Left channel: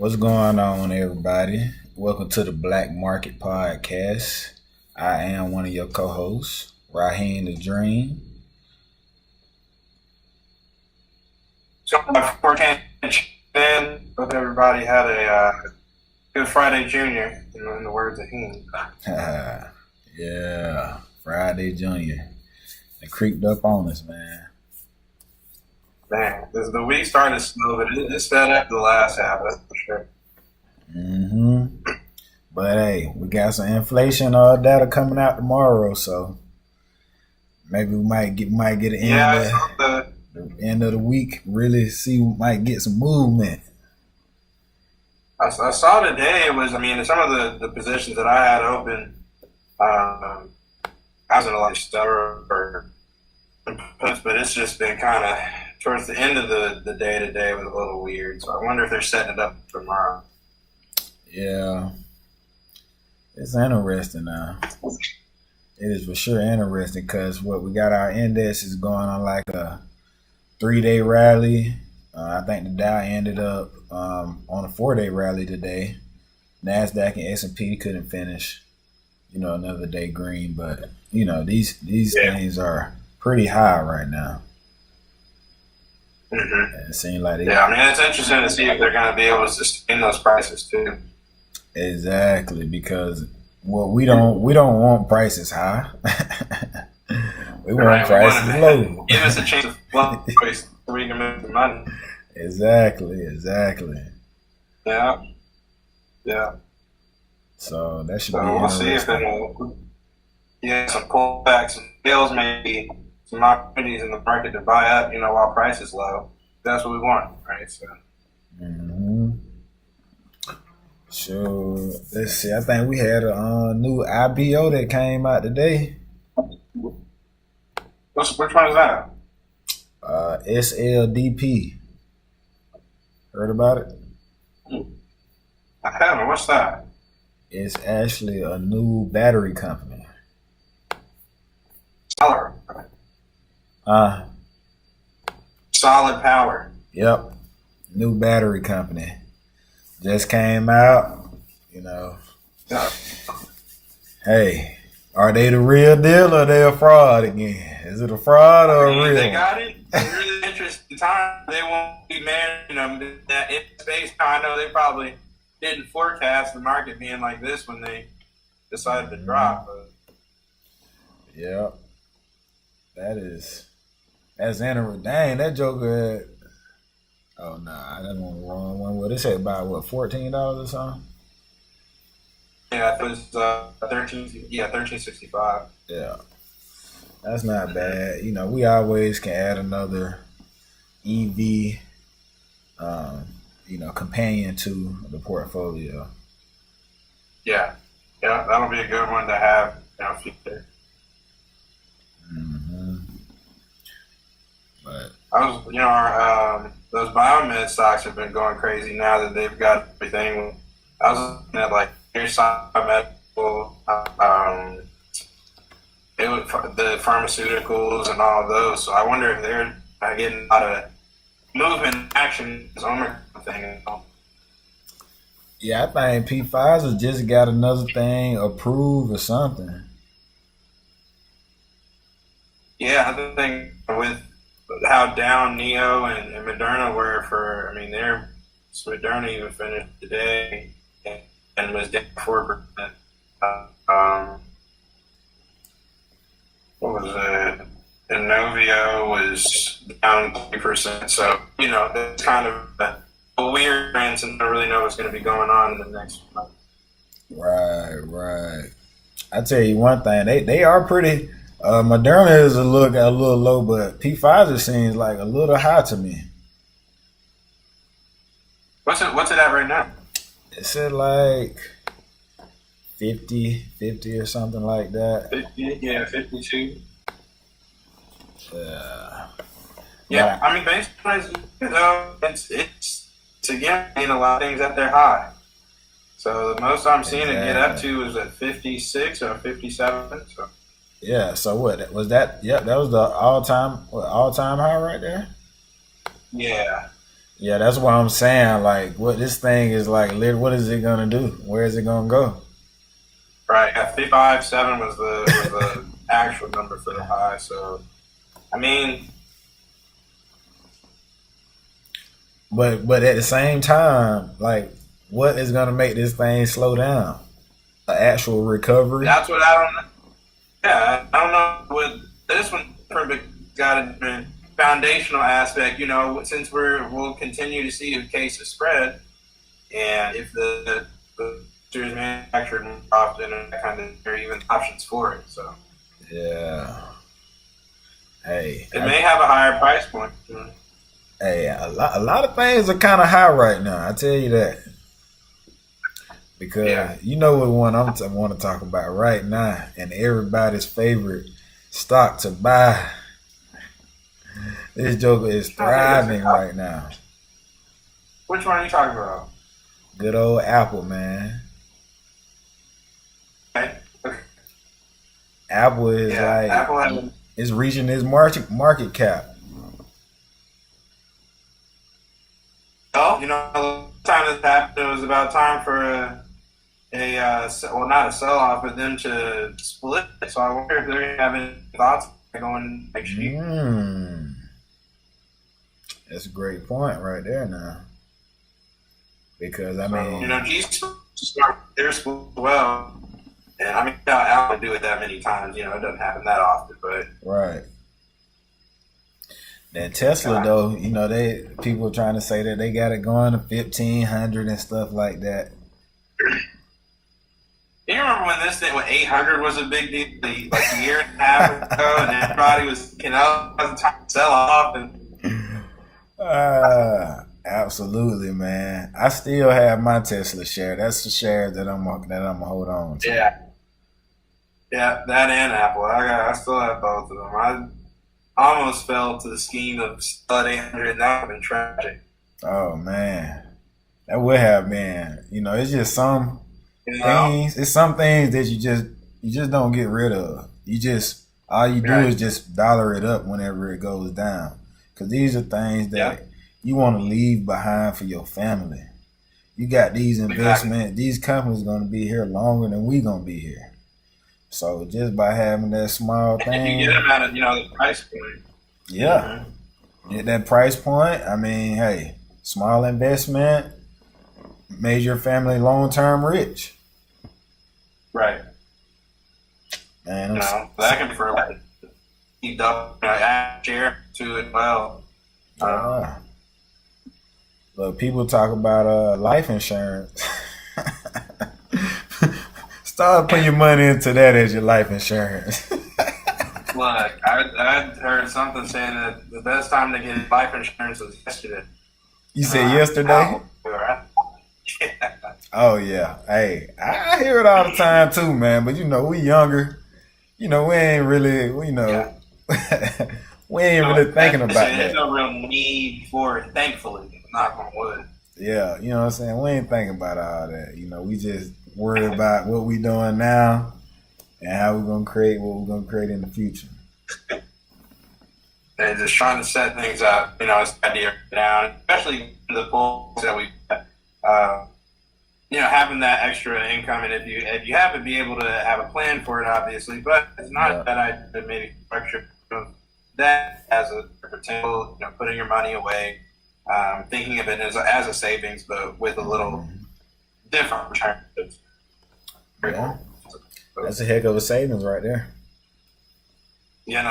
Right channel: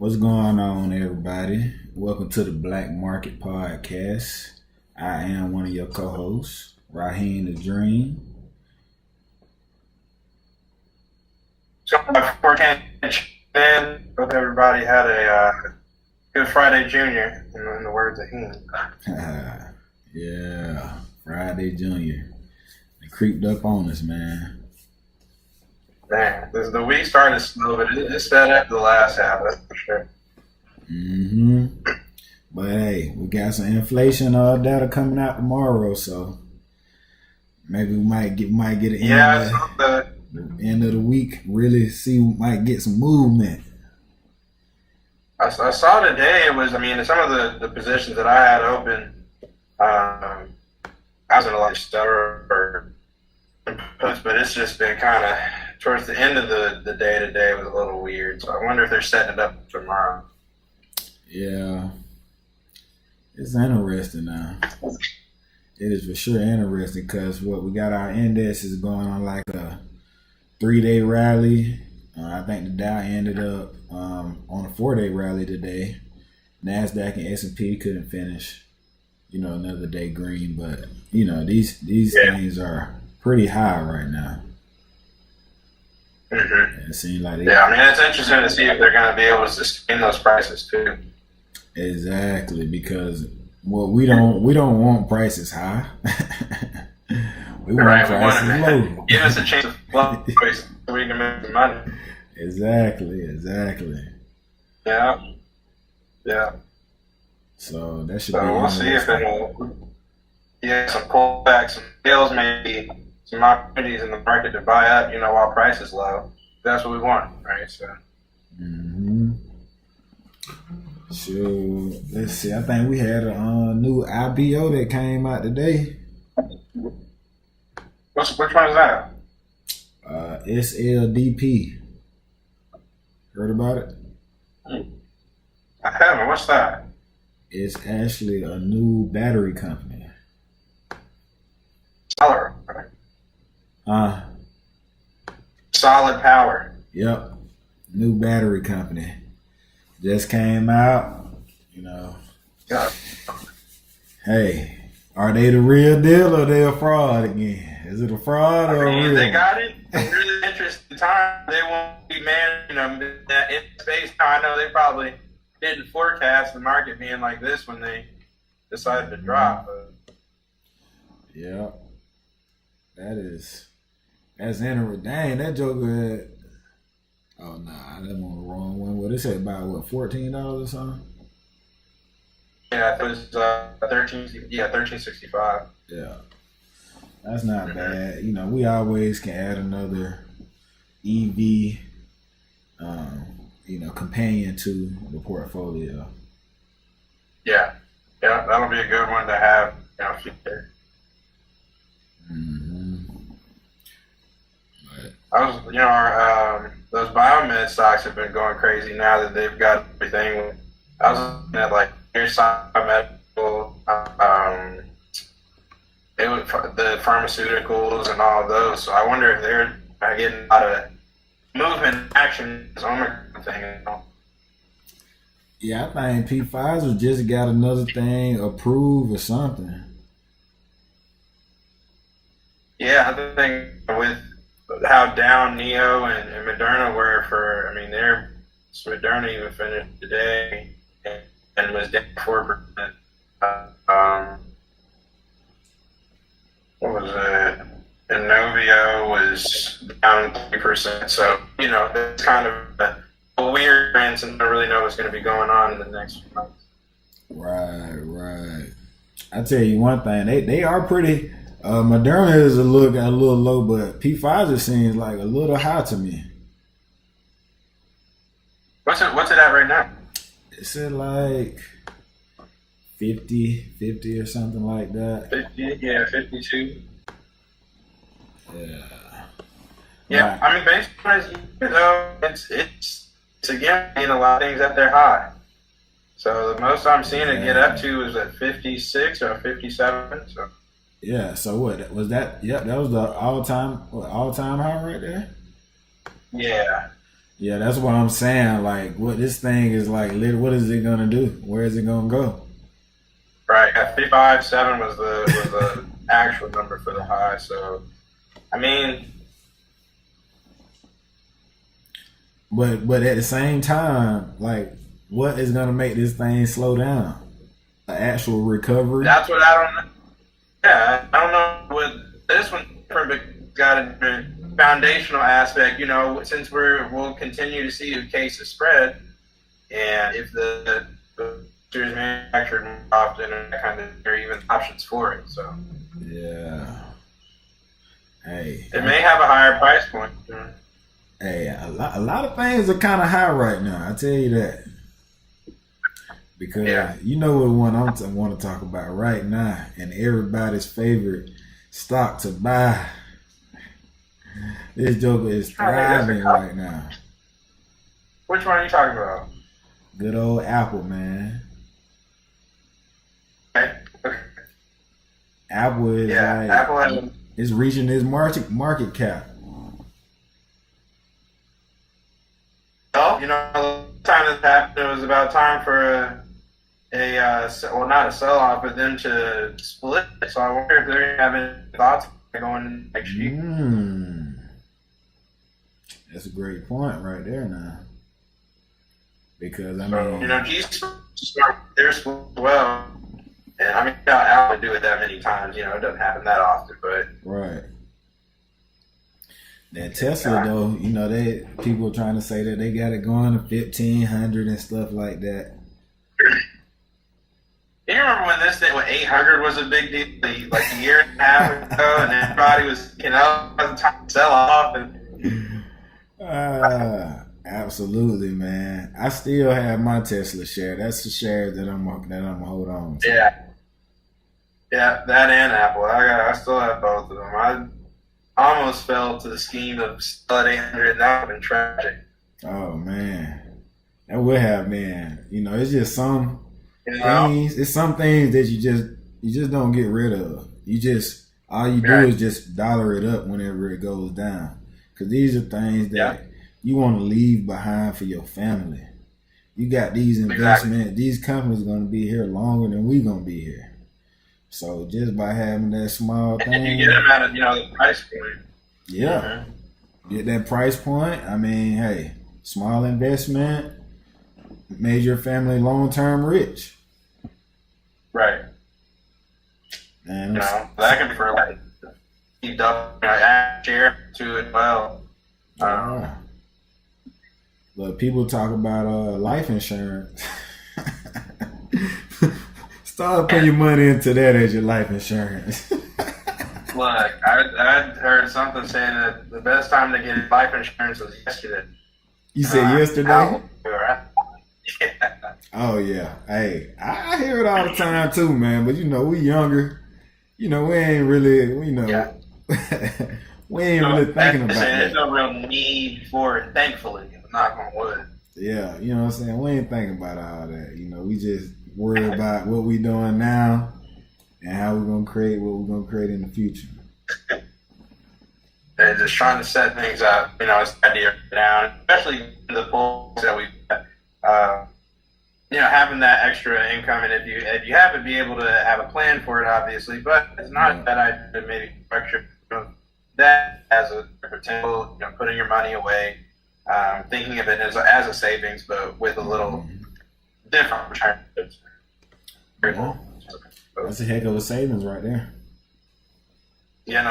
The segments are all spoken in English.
What's going on, everybody? Welcome to the Black Market Podcast. I am one of your co-hosts, Raheem the Dream. So before hope everybody had a good Friday Junior, in the words of him. Yeah, Friday Junior. They creeped up on us, man. Man, the week started slow, but it sped up the last half, that's for sure. But hey, we got some inflation data coming out tomorrow, so maybe we might get the end of the week. Really see, we might get some movement. I saw today some of the positions that I had open, I was in a lot of stuff, but it's just been kind of towards the end of the day today was a little weird. So I wonder if they're setting it up tomorrow. Yeah, it's interesting now. It is for sure interesting because what we got, our index is going on like a 3-day rally. I think the Dow ended up on a 4-day rally today. NASDAQ and S&P couldn't finish, another day green, but these things are pretty high right now. Mm-hmm. It seems like it's interesting to see if they're going to be able to sustain those prices too. Exactly, because we don't want prices high. we want prices low. Give us a chance to flow so we can make some money. Exactly. Yeah. So that should be. We'll see if it'll some pullbacks, some deals, maybe some opportunities in the market to buy up, while price is low. That's what we want, right? So. So let's see. I think we had a new IPO that came out today. Which one is that? SLDP. Heard about it? I haven't. What's that? It's actually a new battery company. Solid. Solid Power. Yep. New battery company. Just came out, Yeah. Hey, are they the real deal or they a fraud again? Is it a fraud or a real? They got it. It's really interesting time. They won't be managing them that in space. I know they probably didn't forecast the market being like this when they decided to drop. Yep. That's interesting. Dang, that joker. Oh nah, that one the wrong one. What it said about $14 or something? Yeah, it was $13.65. Yeah, that's not bad. We always can add another EV, companion to the portfolio. Yeah, that'll be a good one to have. Future. But those biomed stocks have been going crazy now that they've got everything. I was looking at like medical, the pharmaceuticals and all of those. So I wonder if they're getting a lot of movement action this Omicron thing. Yeah, I think Pfizer just got another thing approved or something. Yeah, I think with how down Neo and Moderna were Moderna even finished today and was down 4%. What was it? Inovio was down 3%. So, it's kind of a weird trend since I don't really know what's going to be going on in the next month. Right. I tell you one thing, they are pretty. Moderna is a little low, but Pfizer seems like a little high to me. What's it at right now? It's at like 50 or something like that. 52. Yeah. Yeah, basically, it's again a lot of things at their high. So the most I'm seeing it get up to is at 56 or 57. So. Yeah, so what was that? Yep, that was the all-time high right there. Yeah. Yeah, that's what I'm saying. Like, what this thing is like, what is it gonna do? Where is it gonna go? Right. At 55.7 was the actual number for the high. So, I mean, but at the same time, like, what is gonna make this thing slow down? An actual recovery? that's what I don't know. Yeah, I don't know what this one got a different foundational aspect. Since we'll continue to see the cases spread, and if the series manufactured more often, and that kind of, there are even options for it. So Yeah. Hey, it may have a higher price point. hey, a lot of things are kind of high right now. I tell you that. Because you know what one I want to talk about right now, and everybody's favorite stock to buy. This joker is thriving right now. Which one are you talking about? Good old Apple, man. Okay. Apple is Apple it's reaching its market cap. Well, the time this happened, it was about time for not a sell off, but them to split. So I wonder if they're having thoughts going next year. That's a great point right there now. Because I mean, G's they're split well, and I mean, Apple do it that many times. It doesn't happen that often, but right. That Tesla though, people trying to say that they got it going to 1,500 and stuff like that. You remember when this thing, when 800 was a big deal, like a year and a half ago, and everybody was, it was time to sell off. Absolutely, man. I still have my Tesla share. That's the share that I'm gonna hold on to. Yeah, that and Apple. I still have both of them. I almost fell to the scheme of sell at 800. That would have been tragic. Oh man, that would have been. It's just some. Things, it's some things that you just don't get rid of. All you do is just dollar it up whenever it goes down. Because these are things that you want to leave behind for your family. You got these investments, these companies are going to be here longer than we going to be here. So just by having that small thing, you get them at the price point. Yeah, get that price point. I mean, hey, small investment made your family long term rich. Right. Man, that can be for like add share to it well. But people talk about life insurance. Start putting your money into that as your life insurance. Look, I heard something saying that the best time to get life insurance was yesterday. You said yesterday? Yeah. Oh yeah. Hey, I hear it all the time too, man. But we younger. We ain't really, we ain't really thinking about that. There's no real need for it, thankfully. Knock on wood. Yeah, you know what I'm saying? We ain't thinking about all that. We just worry about what we doing now and how we're gonna create what we're gonna create in the future. And just trying to set things up, it's idea down, especially the polls that we've having that extra income, and if you happen to be able to have a plan for it, obviously, but it's not a bad idea to maybe structure that as a potential, putting your money away, thinking of it as a savings, but with a little different return. Very cool. That's a heck of a savings right there. So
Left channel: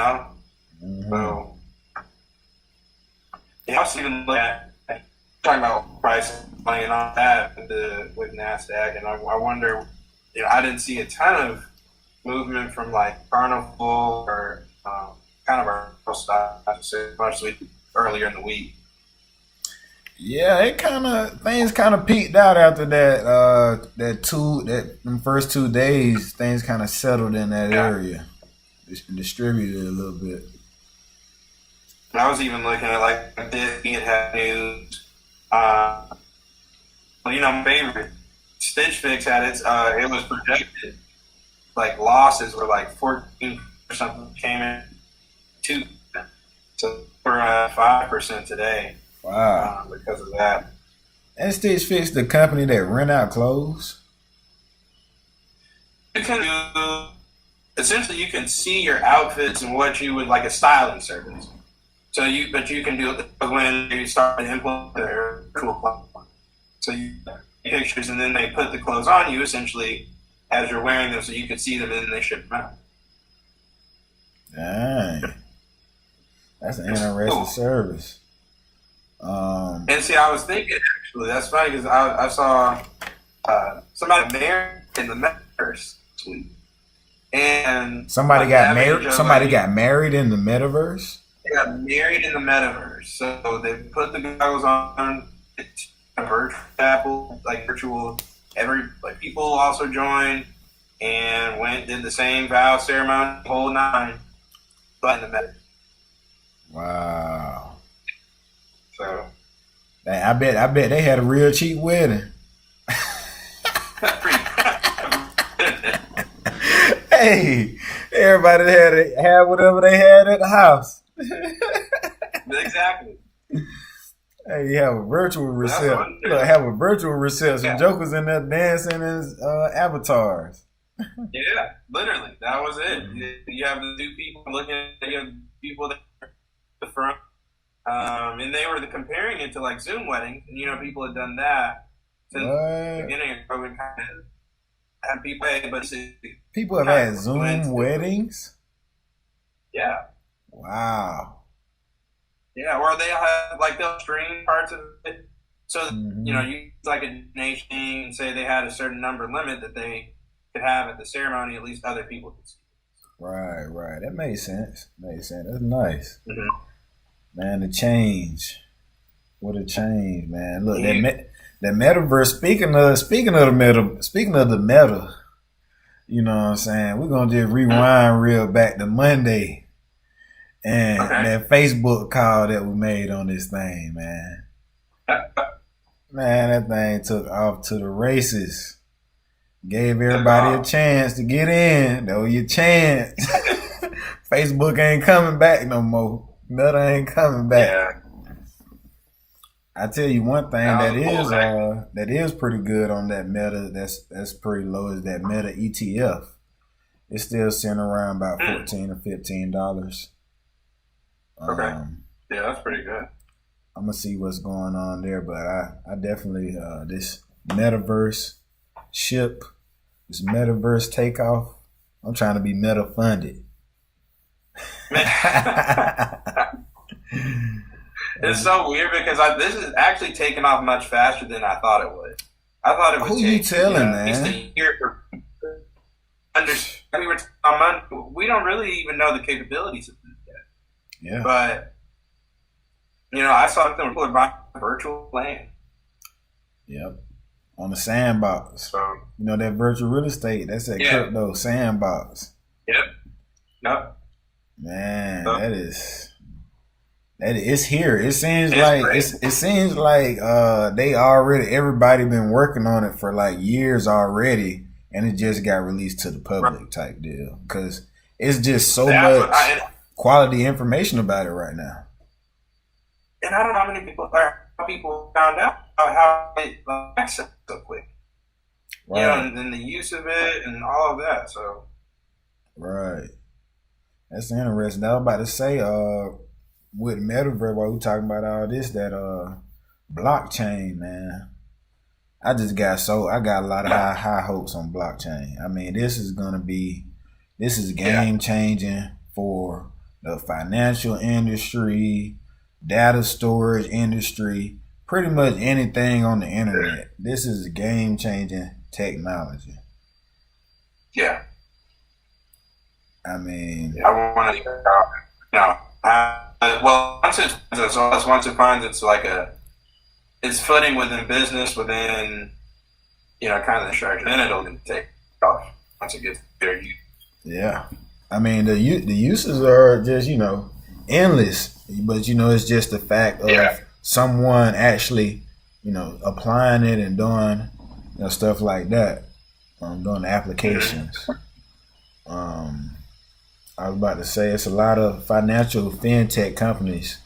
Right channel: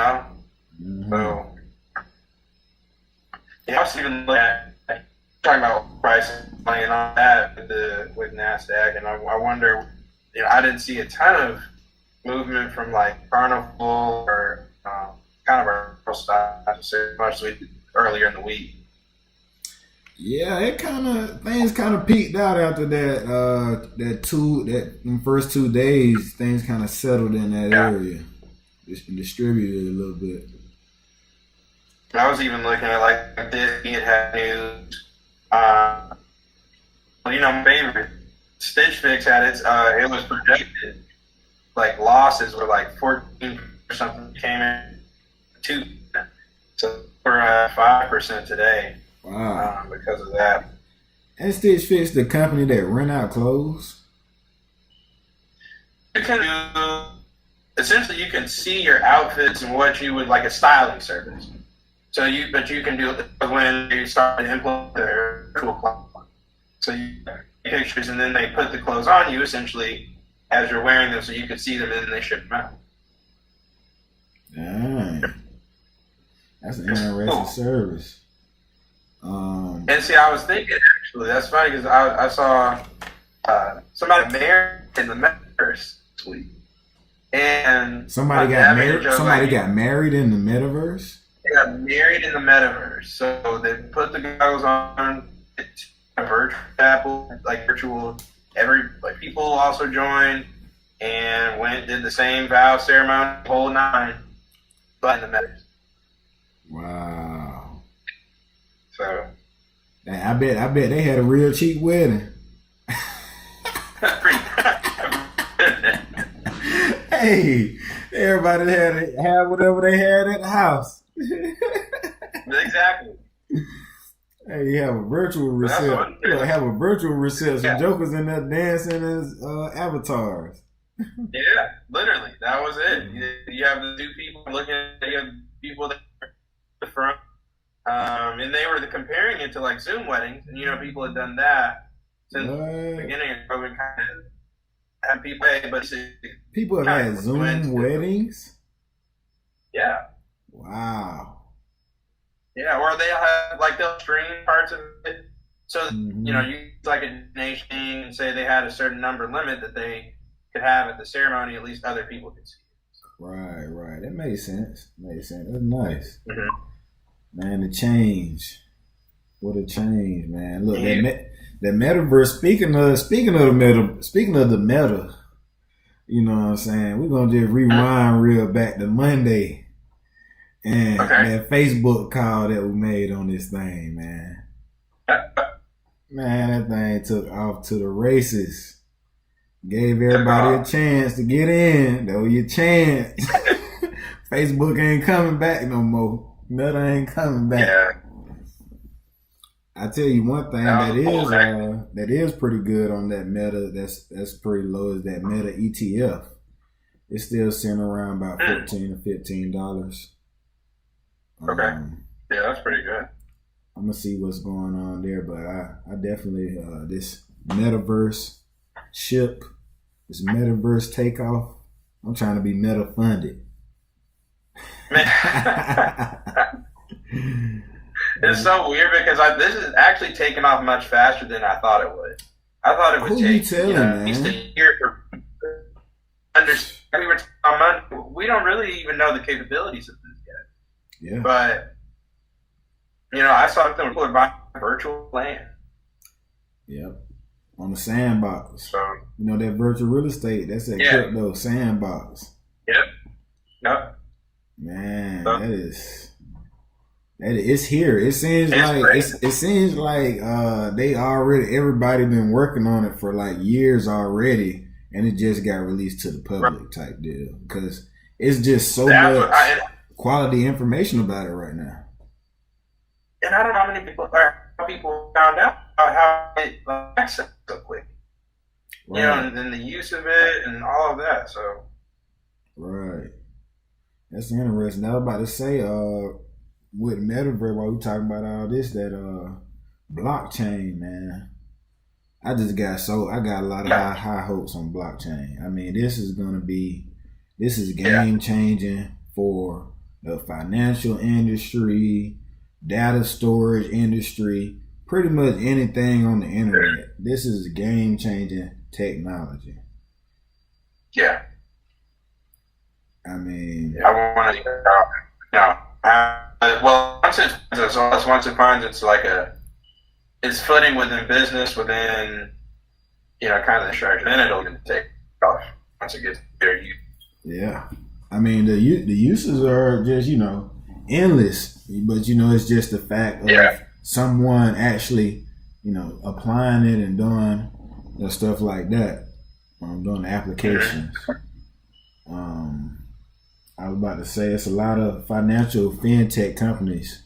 I was even looking at talking about price and all that with NASDAQ, and I wonder, I didn't see a ton of movement from like Carnival or kind of our stocks as much as we did earlier in the week. Yeah, things kind of peaked out after that. Them first 2 days, things kind of settled in that area, distributed a little bit. I was even looking at like Disney had news. My favorite Stitch Fix had it was projected like losses were like 14 or something, came in 2, so we're at 5% today. Wow. because of that. And Stitch Fix, the company that rent out clothes. You can do essentially you can see your outfits and what you would like a styling service. So you can do it when you start to implement their virtual platform. So you take pictures and then they put the clothes on you essentially as you're wearing them, so you can see them and then they ship them out. Dang. That's an interesting service. And see, I was thinking actually, that's funny because I saw somebody married in the metaverse this week, and somebody got married. Somebody got married in the metaverse. They got married in the metaverse, so they put the goggles on, a virtual chapel, like virtual. People also joined and went did the same vow ceremony, the whole nine, but in the metaverse. Wow. So. I bet they had a real cheap wedding. Hey, everybody had to have whatever they had at the house. Exactly. Hey, you have a virtual reception. Have a virtual reception. Yeah. Jokers in there dancing as avatars. Yeah, literally, that was it. You have the two people looking at you have people at the front. And they were comparing it to like Zoom weddings, and people had done that since the beginning of COVID. Kind of had people have had Zoom weddings. Yeah. Wow. Yeah, or they'll stream parts of it. So you like a donation and say they had a certain number limit that they could have at the ceremony. At least other people could see it. Right. That makes sense. That's nice. Mm-hmm. Man, the change. What a change, man. Look, that metaverse, speaking of the meta, you know what I'm saying? We're going to just rewind real back to Monday and that Facebook call that we made on this thing, man. Man, that thing took off to the races. Gave everybody a chance to get in. That was your chance. Facebook ain't coming back no more. Meta ain't coming back. Yeah. I tell you one thing that is pretty good on that Meta. That's pretty low. Is that Meta ETF? It's still sitting around about $14 or $15. Okay. Yeah, that's pretty good. I'm gonna see what's going on there, but I definitely this metaverse ship, this metaverse takeoff. I'm trying to be meta funded. It's so weird because this is actually taking off much faster than I thought it would. I thought it would take. Who you telling, man? At least a year for we don't really even know the capabilities of this yet. Yeah. But I saw something where people are buying virtual land. Yep. On the sandbox. So that virtual real estate. That's that crypto sandbox. Yep. Man, that is it's here. It seems like everybody been working on it for like years already, and it just got released to the public type deal because it's just so much quality information about it right now. And I don't know how many people found out how it access so quick. Right. And then the use of it and all of that. So right. That's interesting. I was about to say, with metaverse, while we talking about all this, that blockchain, man. I got a lot of high hopes on blockchain. I mean, this is game changing for the financial industry, data storage industry, pretty much anything on the internet. This is game changing technology. Yeah. I mean, I want to, once it finds it's footing within business, within, kind of the structure, then it'll take off once it gets there. Yeah. I mean, the uses are just, endless, but, it's just the fact of someone actually, applying it and doing, stuff like that, doing the applications. I was about to say it's a lot of financial fintech companies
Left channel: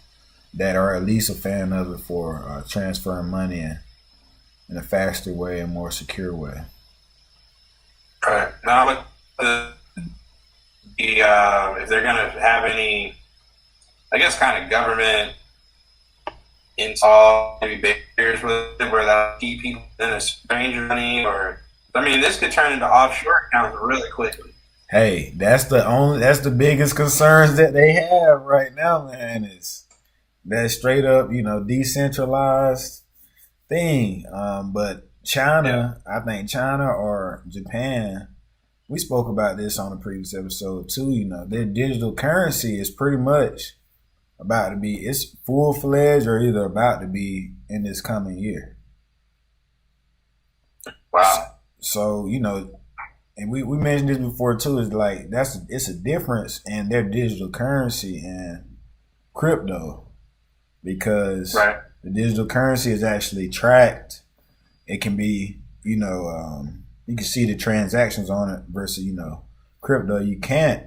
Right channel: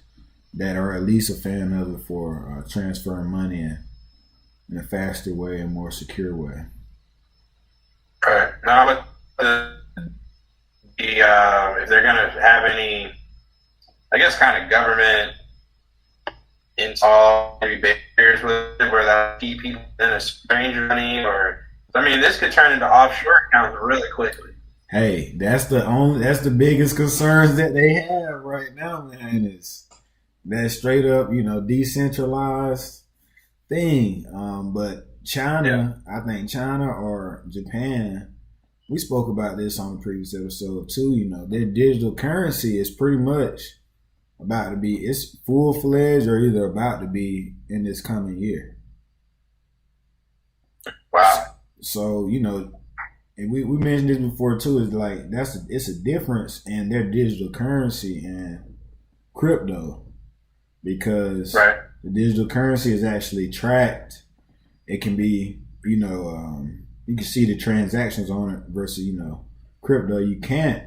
that are at least a fan of it for transferring money in a faster way and more secure way. Right. Now, with if they're going to have any, I guess, kind of government install maybe barriers with it where that keep people in a strange money, or I mean, this could turn into offshore accounts really quickly. Hey, that's the biggest concerns that they have right now, man. Is that straight up, decentralized thing. But China, I think China or Japan, we spoke about this on the previous episode too. Their digital currency is pretty much about to be, it's full-fledged or either about to be in this coming year. Wow. So, and we mentioned this before too, is like it's a difference in their digital currency and crypto, because right. the digital currency is actually tracked. It can be, you can see the transactions on it versus, crypto, you can't.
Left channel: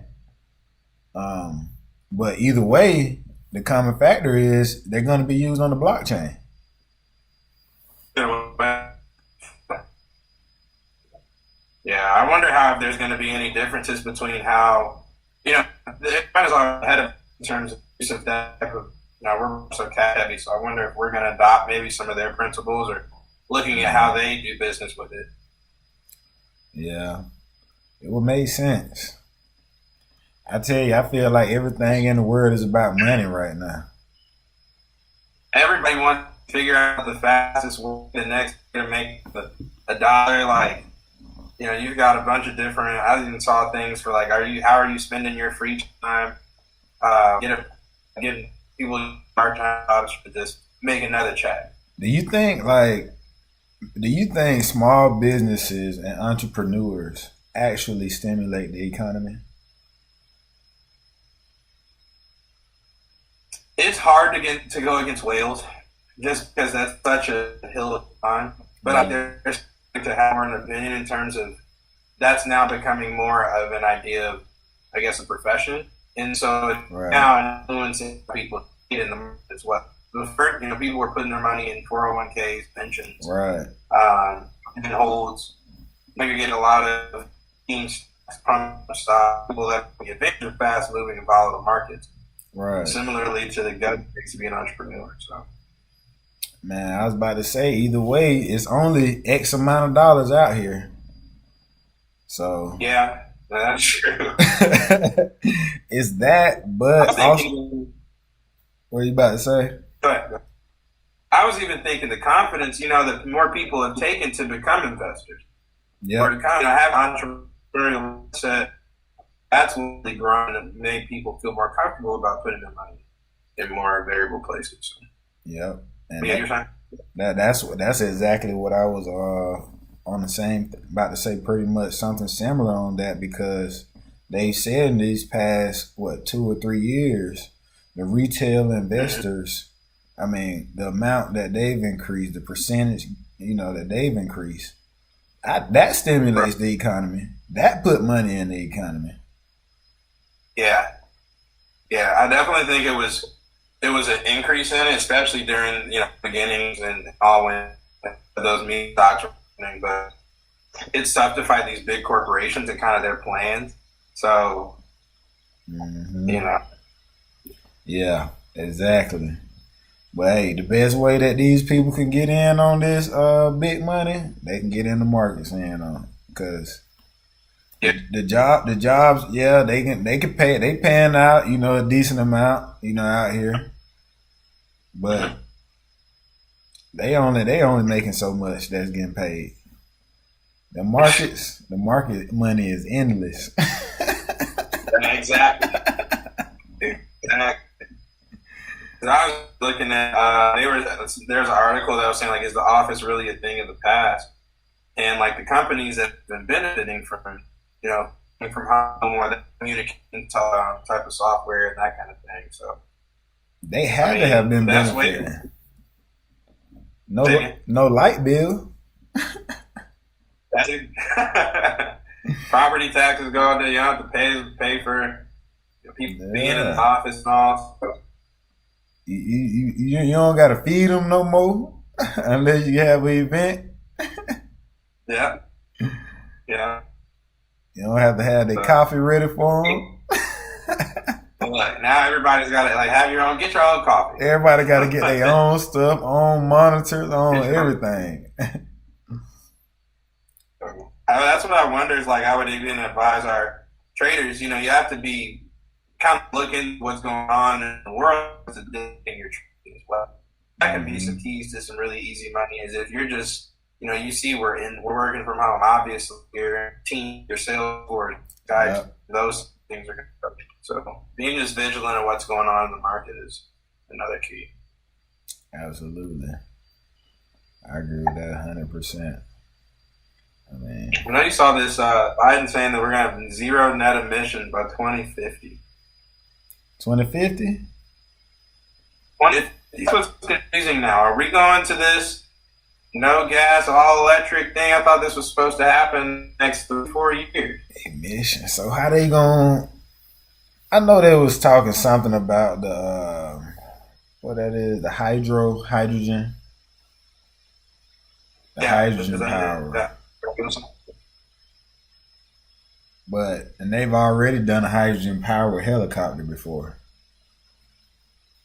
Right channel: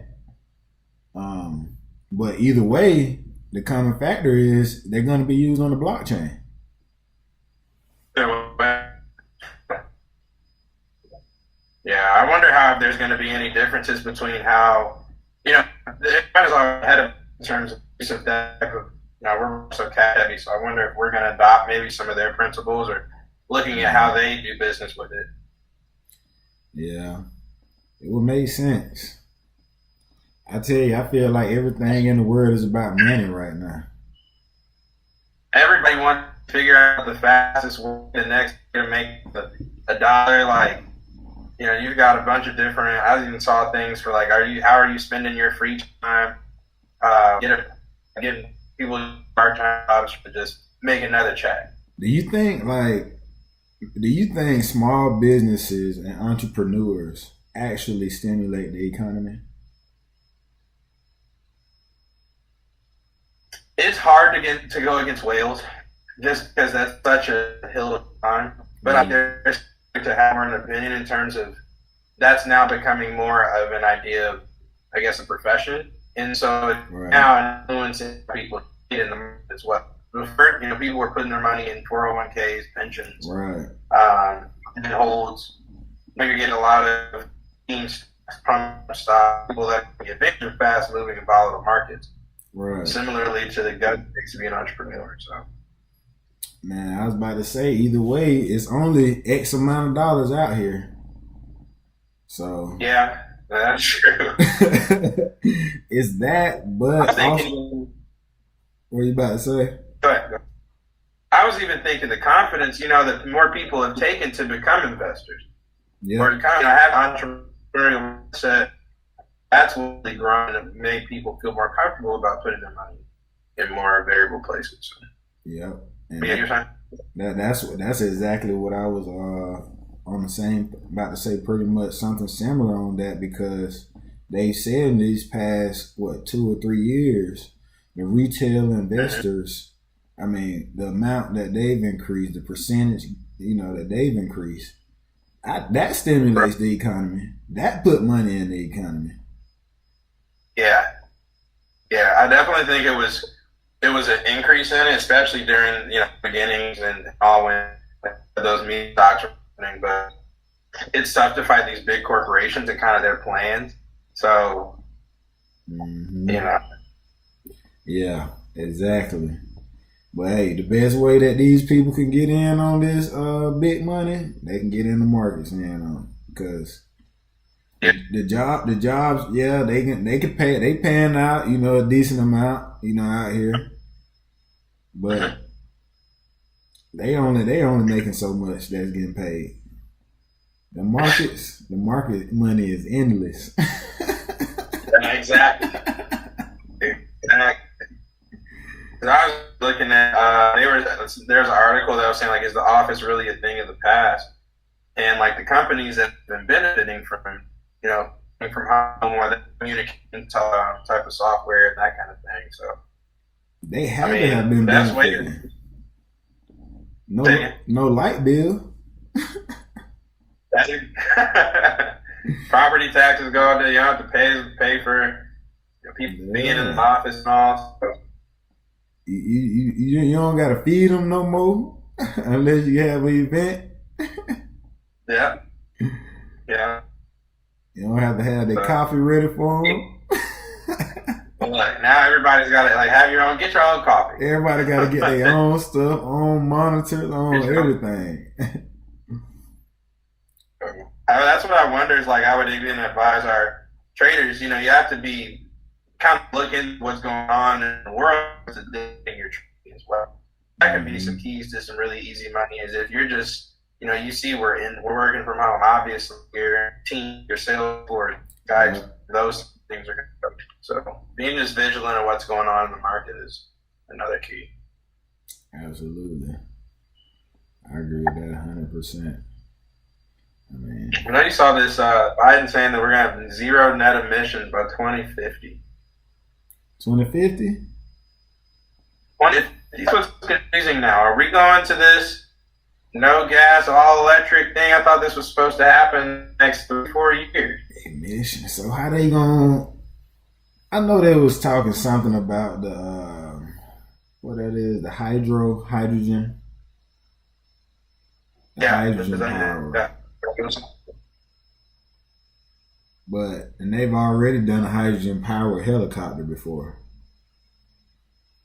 But either way, the common factor is they're going to be used on the blockchain. Yeah, I wonder if there's going to be any differences between how, it depends on ahead of in terms of use of that type of, we're so cat heavy, so I wonder if we're going to adopt maybe some of their principles or looking at how they do business with it. Yeah, it would make sense. I tell you, I feel like everything in the world is about money right now. Everybody wants to figure out the fastest way the next to make a dollar. Like, you've got a bunch of different. I even saw things for like, how are you spending your free time? Getting people part-time jobs to just make another check. Do you think small businesses and entrepreneurs actually stimulate the economy? It's hard to go against whales, just because that's such a hill to climb. But there's to have more an opinion in terms of that's now becoming more of an idea of, I guess, a profession, and so it's now influencing people in the market as well. Before, people were putting their money in 401ks, pensions, right, and holds. You're getting a lot of teams, stock, people that get victim fast moving and volatile markets. Right. Similarly to the gut it takes to be an entrepreneur. So, man, I was about to say, either way, it's only X amount of dollars out here. So yeah, that's true. It's that, but also, what are you about to say? Go ahead. I was even thinking the confidence, that more people have taken to become investors. Yeah. Or to kind of have entrepreneurial mindset. That's really grown and made people feel more comfortable about putting their money in more variable places. Yep. And you're saying? That's exactly what I was on the same, about to say pretty much something similar on that, because they said in these past 2 or 3 years, the retail investors, I mean, the amount that they've increased, the percentage, that they've increased, that stimulates the economy. That put money in the economy. Yeah, I definitely think it was an increase in it, especially during beginnings and all when those meme stocks were happening. But it's tough to fight these big corporations and kind of their plans. So, Yeah, exactly. But hey, the best way that these people can get in on this big money, they can get in the markets because. The jobs, yeah, they can pay. They paying out, a decent amount, out here, but they only making so much that's getting paid. The market money is endless. Exactly. I was looking at there's an article that was saying, like, is the office really a thing of the past? And like the companies that have been benefiting from from home or the communication type of software and that kind of thing. So they had to have been benefiting. No light bill. Property taxes go up there. You don't have to pay for people being in the office and all. So You don't gotta feed them no more unless you have an event. Yeah. Yeah. You don't have to have the coffee ready for them. Like now everybody's got to like get your own coffee. Everybody got to get their own stuff, own monitors, own everything. That's what I wonder is like I would even advise our traders. You have to be kind of looking what's going on in the world to in your trading as well. That could be some keys to some really easy money. Is if you're just you see we're working from home. Obviously, your team, your sales force guys, those things are going to go. So being just vigilant of what's going on in the market is another key. Absolutely, I agree with that 100%. I mean, I know you saw this Biden saying that we're going to have zero net emissions by 2050. 2050? 2050 is what's confusing now. Are we going to this no gas, all electric thing? I thought this was supposed to happen next 3-4 years. Emissions. So how they going? I know they was talking something about the what that is, the hydrogen. Hydrogen power. And they've already done a hydrogen powered helicopter before.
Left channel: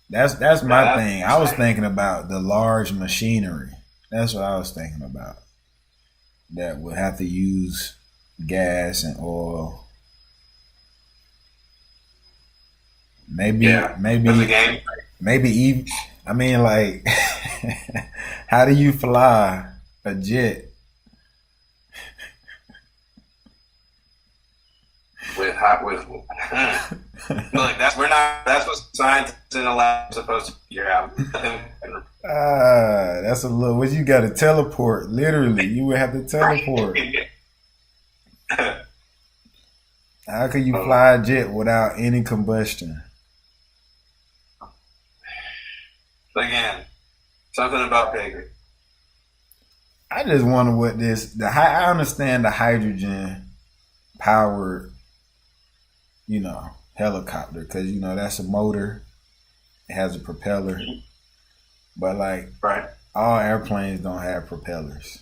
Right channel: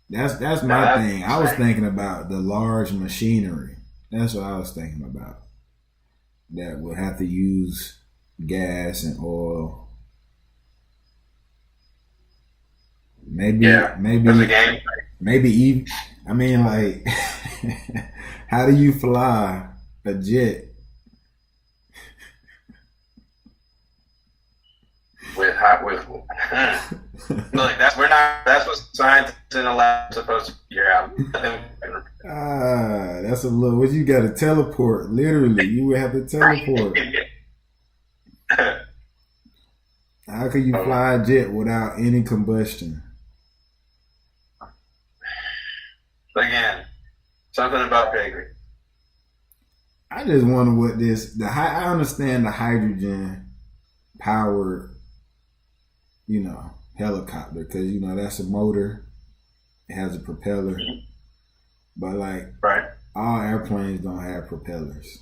That's my thing. I was thinking about the large machinery. That's what I was thinking about. That would have to use gas and oil. Maybe even. I mean, like, how do you fly a jet? Look, that's what scientists in the lab are supposed to figure out. That's a little. What you got to teleport? Literally, you would have to teleport. How could you fly a jet without any combustion? Again, something about piggery. I just wonder what I understand the hydrogen powered, helicopter, because that's a motor, it has a propeller, but like all airplanes don't have propellers.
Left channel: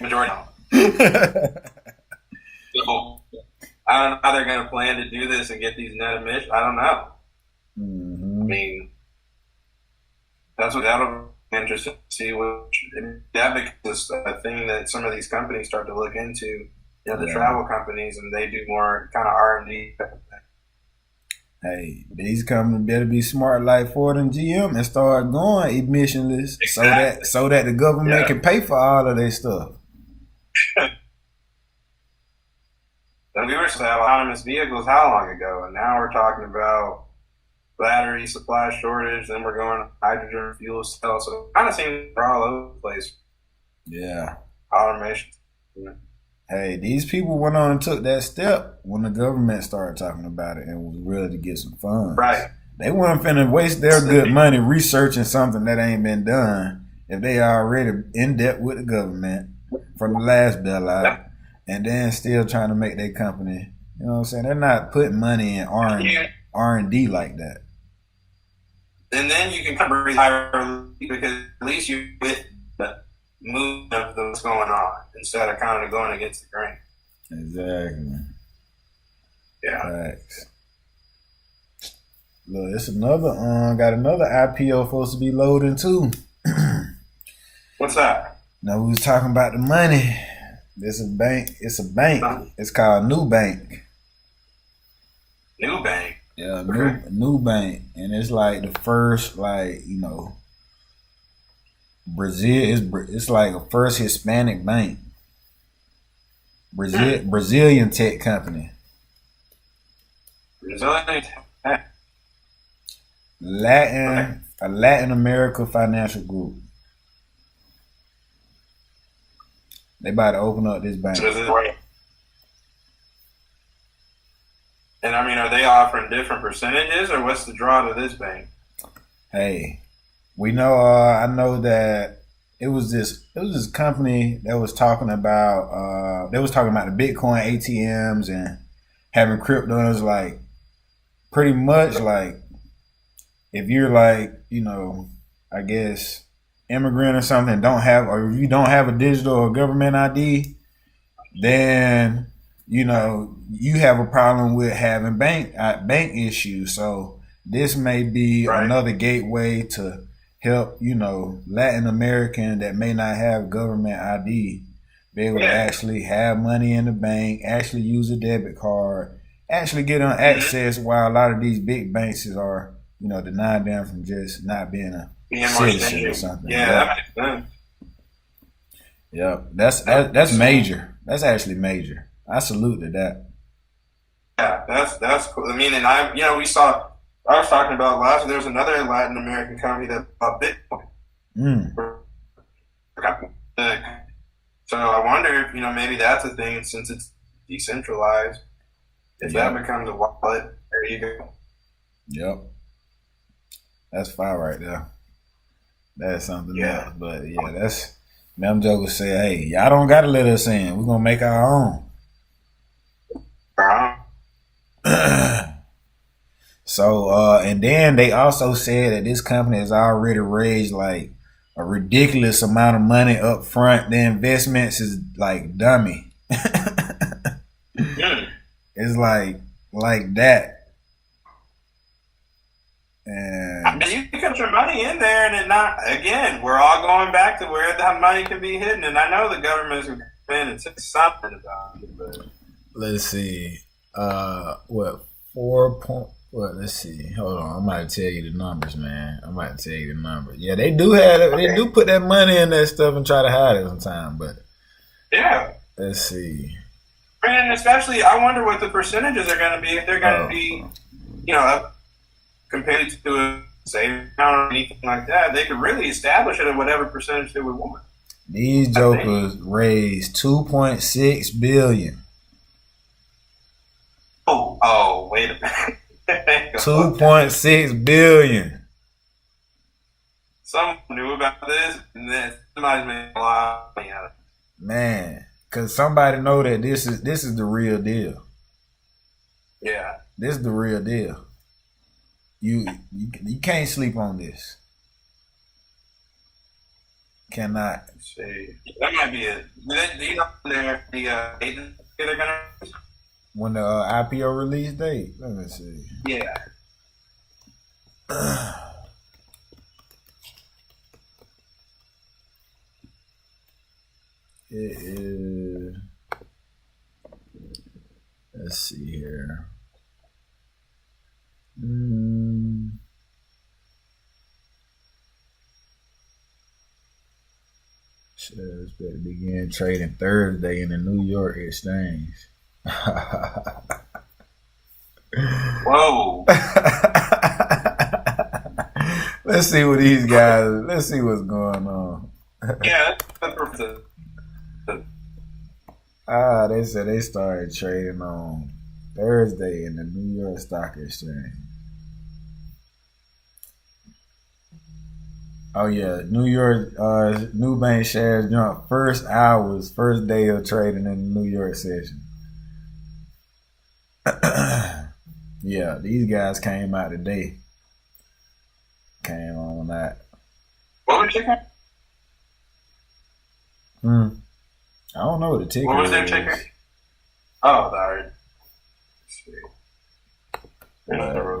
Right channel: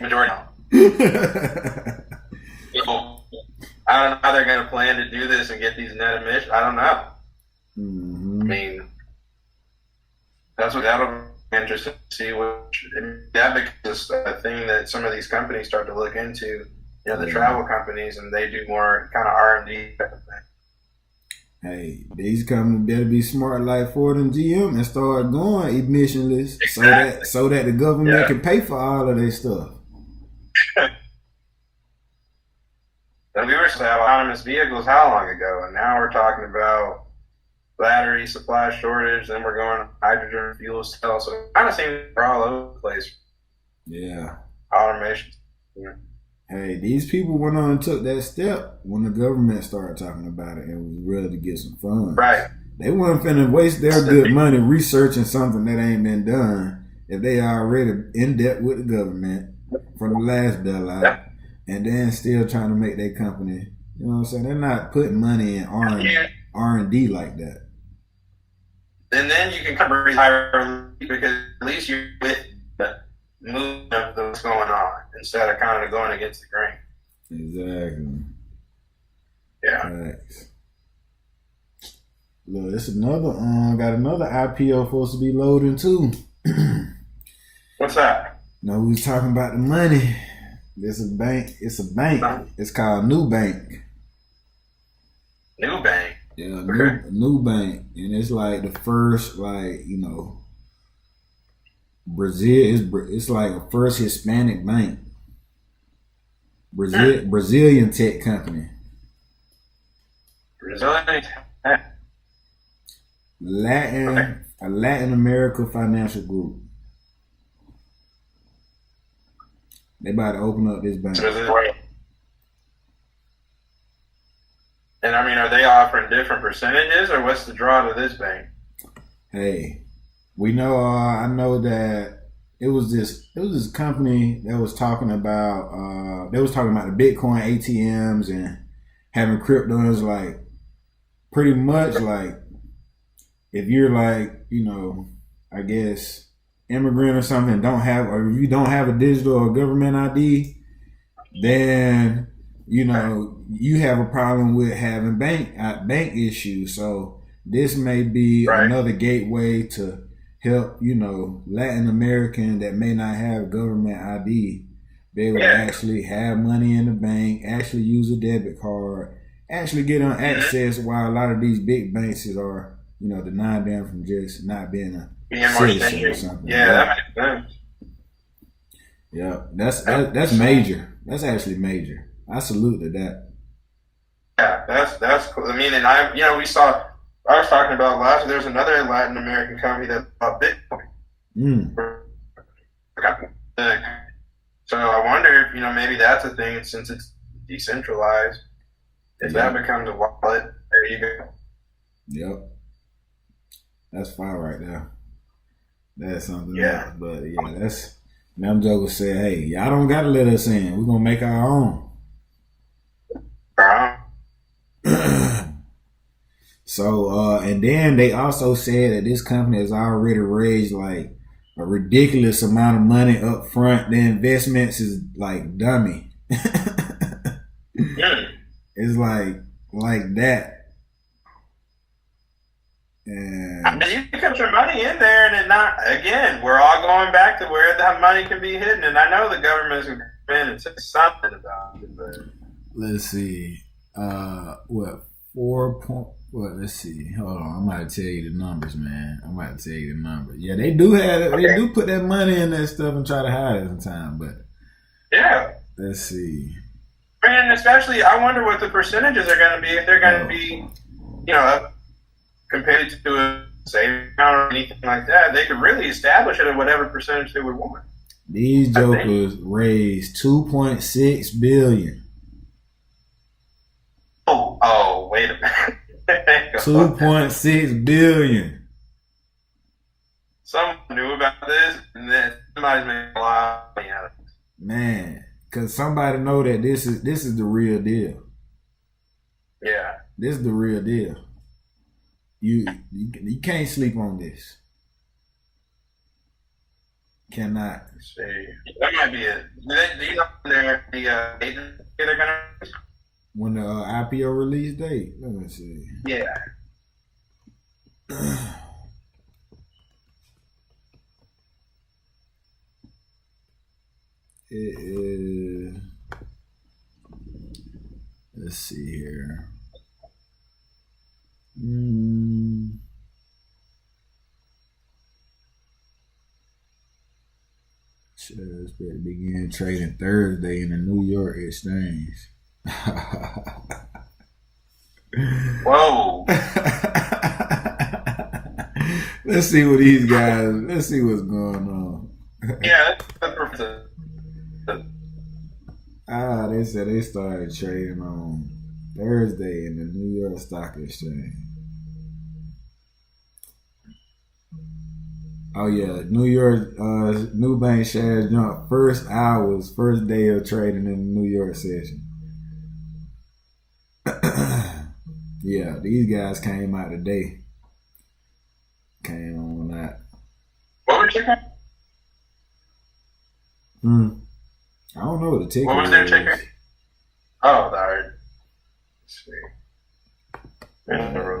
Majority. People, I don't know how they're going to plan to do this and get these net emissions. I don't know. Mm-hmm. I mean, that'll be interesting to see that becomes a thing that some of these companies start to look into. The travel companies, and they do more kind of R&D type of thing. Hey, these companies better be smart like Ford and GM and start going emissionless, so that the government can pay for all of their stuff. And we were supposed to have autonomous vehicles how long ago? And now we're talking about battery supply shortage, then we're going to hydrogen fuel cells. So it kind of seems we're all over the place. Yeah. Automation. Yeah. Hey, these people went on and took that step when the government started talking about it and was ready to get some funds. Right. They weren't finna waste their good money researching something that ain't been done if they already in debt with the government from the last bailout, and then still trying to make their company. You know what I'm saying? They're not putting money in R&D like that. And then you can come retire because at least you're with the movement of what's going on instead of kind of going against the grain. Exactly. Yeah. Thanks. Look, it's another got another IPO supposed to be loading too. What's that? No, we was talking about the money. This is bank. It's a bank. It's called New Bank. New Bank. Yeah, okay. New Bank, and it's like the first, Brazil. It's like a first Hispanic bank. Brazilian tech company. Brazilian tech. A Latin America financial group. They about to open up this bank. And I mean, are they offering different percentages, or what's the draw to this bank? Hey, we know. I know that it was this company that was talking about. They was talking about the Bitcoin ATMs and having cryptos, like pretty much like if you're like, I guess immigrant or something, or if you don't have a digital or government ID, then you have a problem with having bank issues. So this may be another gateway to help Latin American that may not have government ID be able to actually have money in the bank, actually use a debit card, actually get on access, while a lot of these big banks are denying them from just not being a citizen or something. Yeah, that makes sense. Yeah, that's major. That's actually major. I salute to that. Yeah, that's cool. I mean, and I was talking about last. There's another Latin American company that bought Bitcoin. So I wonder if maybe that's a thing since it's decentralized. If that becomes a wallet, there you go. Yep, that's fire right there. That's something else. But yeah, that's. Them jokers say, hey, y'all don't got to let us in. We're going to make our own. So, and then they also said that this company has already raised like a ridiculous amount of money up front. The investments is like dummy. It's like that. And you can put your money in there, and then again, we're all going back to where that money can be hidden. And I know the government's going to come in and say something about it, but let's see. Let's see. Hold on. I'm about to tell you the numbers, man. Yeah, they do put that money in that stuff and try to hide it sometimes, but yeah. Let's see. And especially, I wonder what the percentages are going to be, if they're going to be, compared to a savings account or anything like that. They could really establish it at whatever percentage they would want. These jokers raised $2.6 billion. Oh, wait a minute. $2.6 billion. Someone knew about this, and then somebody's made a lot of money out of it. Man, because somebody know that this is the real deal. Yeah. This is the real deal. You can't sleep on this. Cannot. Let's see. That might be it. Do you know when they're gonna when the IPO release date? Let me see. Yeah. It is. Let's see here. Shares better begin trading Thursday in the New York Exchange. Whoa. Let's see what these guys. Let's see what's going on. Yeah. They said they started trading on Thursday in the New York Stock Exchange. Oh yeah, New York Nubank shares jumped first day of trading in the New York session. Yeah, these guys came out today. Came on that. What was ticker? I don't know what the ticker. What was their ticker? Oh, the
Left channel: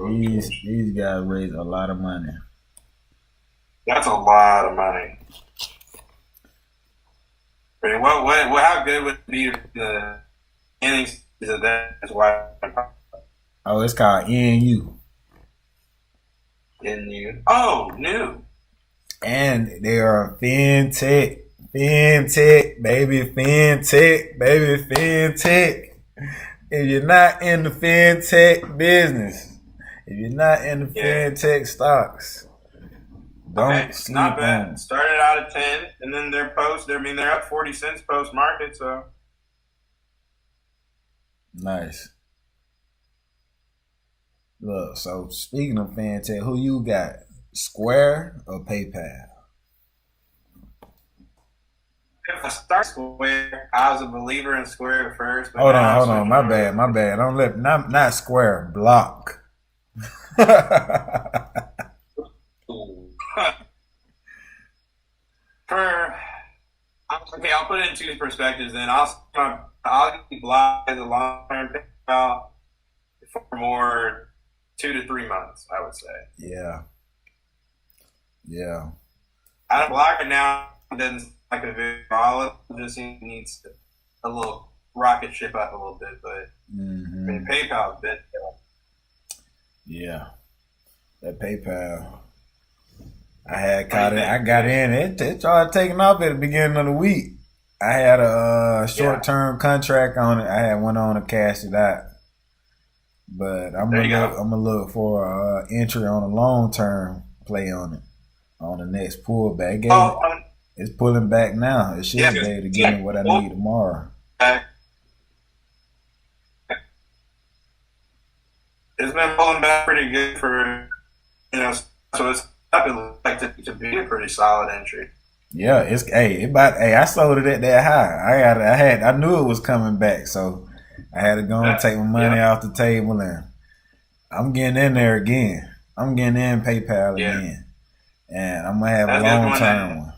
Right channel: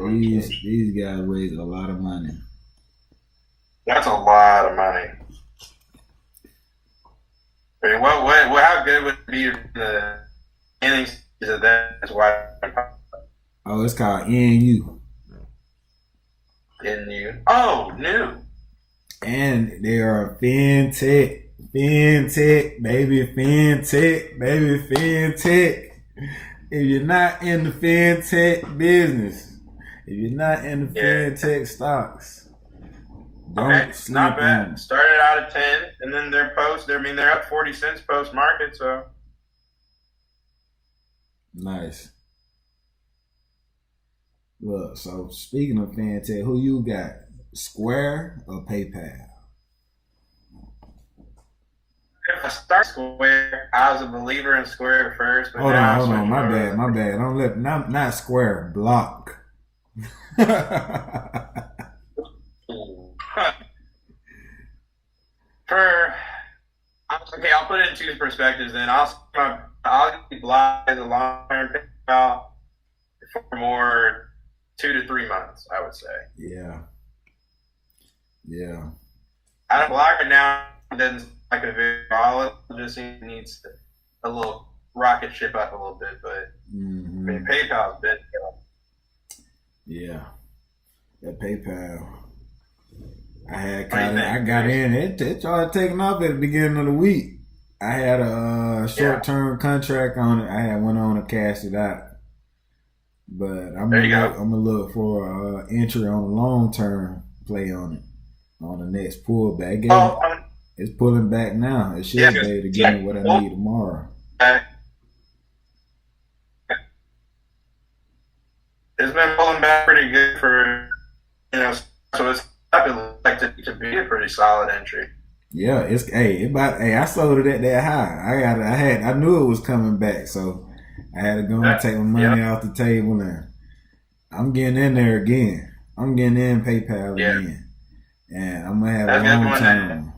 these guys raised a lot of money. That's a lot of money. I mean, how good would it be the innings of that? That's why. Oh, it's called NU. NU. Oh, new. And they are fintech, baby, fintech. If you're not in the fintech business, if you're not in the fintech stocks, don't sleep not bad. on. Started out at 10, and then they're up 40 cents post market. So nice. Look, so speaking of fintech, who you got? Square or PayPal? If I start Square, I was a believer in Square at first. But Hold on. My bad. Don't let not Square. Block. For okay, I'll put it in two perspectives. Then I'll apply the long-term PayPal for more 2 to 3 months, I would say. Yeah. I don't block it now. It doesn't like a very volatile. It just needs a little rocket ship up a little bit. But I mean, PayPal's been. Yeah, that PayPal. I had caught it. I got in. It started taking off at the beginning of the week. I had a short-term contract on it. I had went on to cash it out. But I'm gonna look for entry on a long-term play on it on the next pullback. It's pulling back now. It should be able to give me what I need tomorrow. It's been pulling back pretty good for, so it's like to be a pretty solid entry. Yeah, I sold it at that high. I knew it was coming back, so I had to go and take my money off the table, and I'm getting in there again. I'm getting in PayPal again, and I'm gonna have a long term one.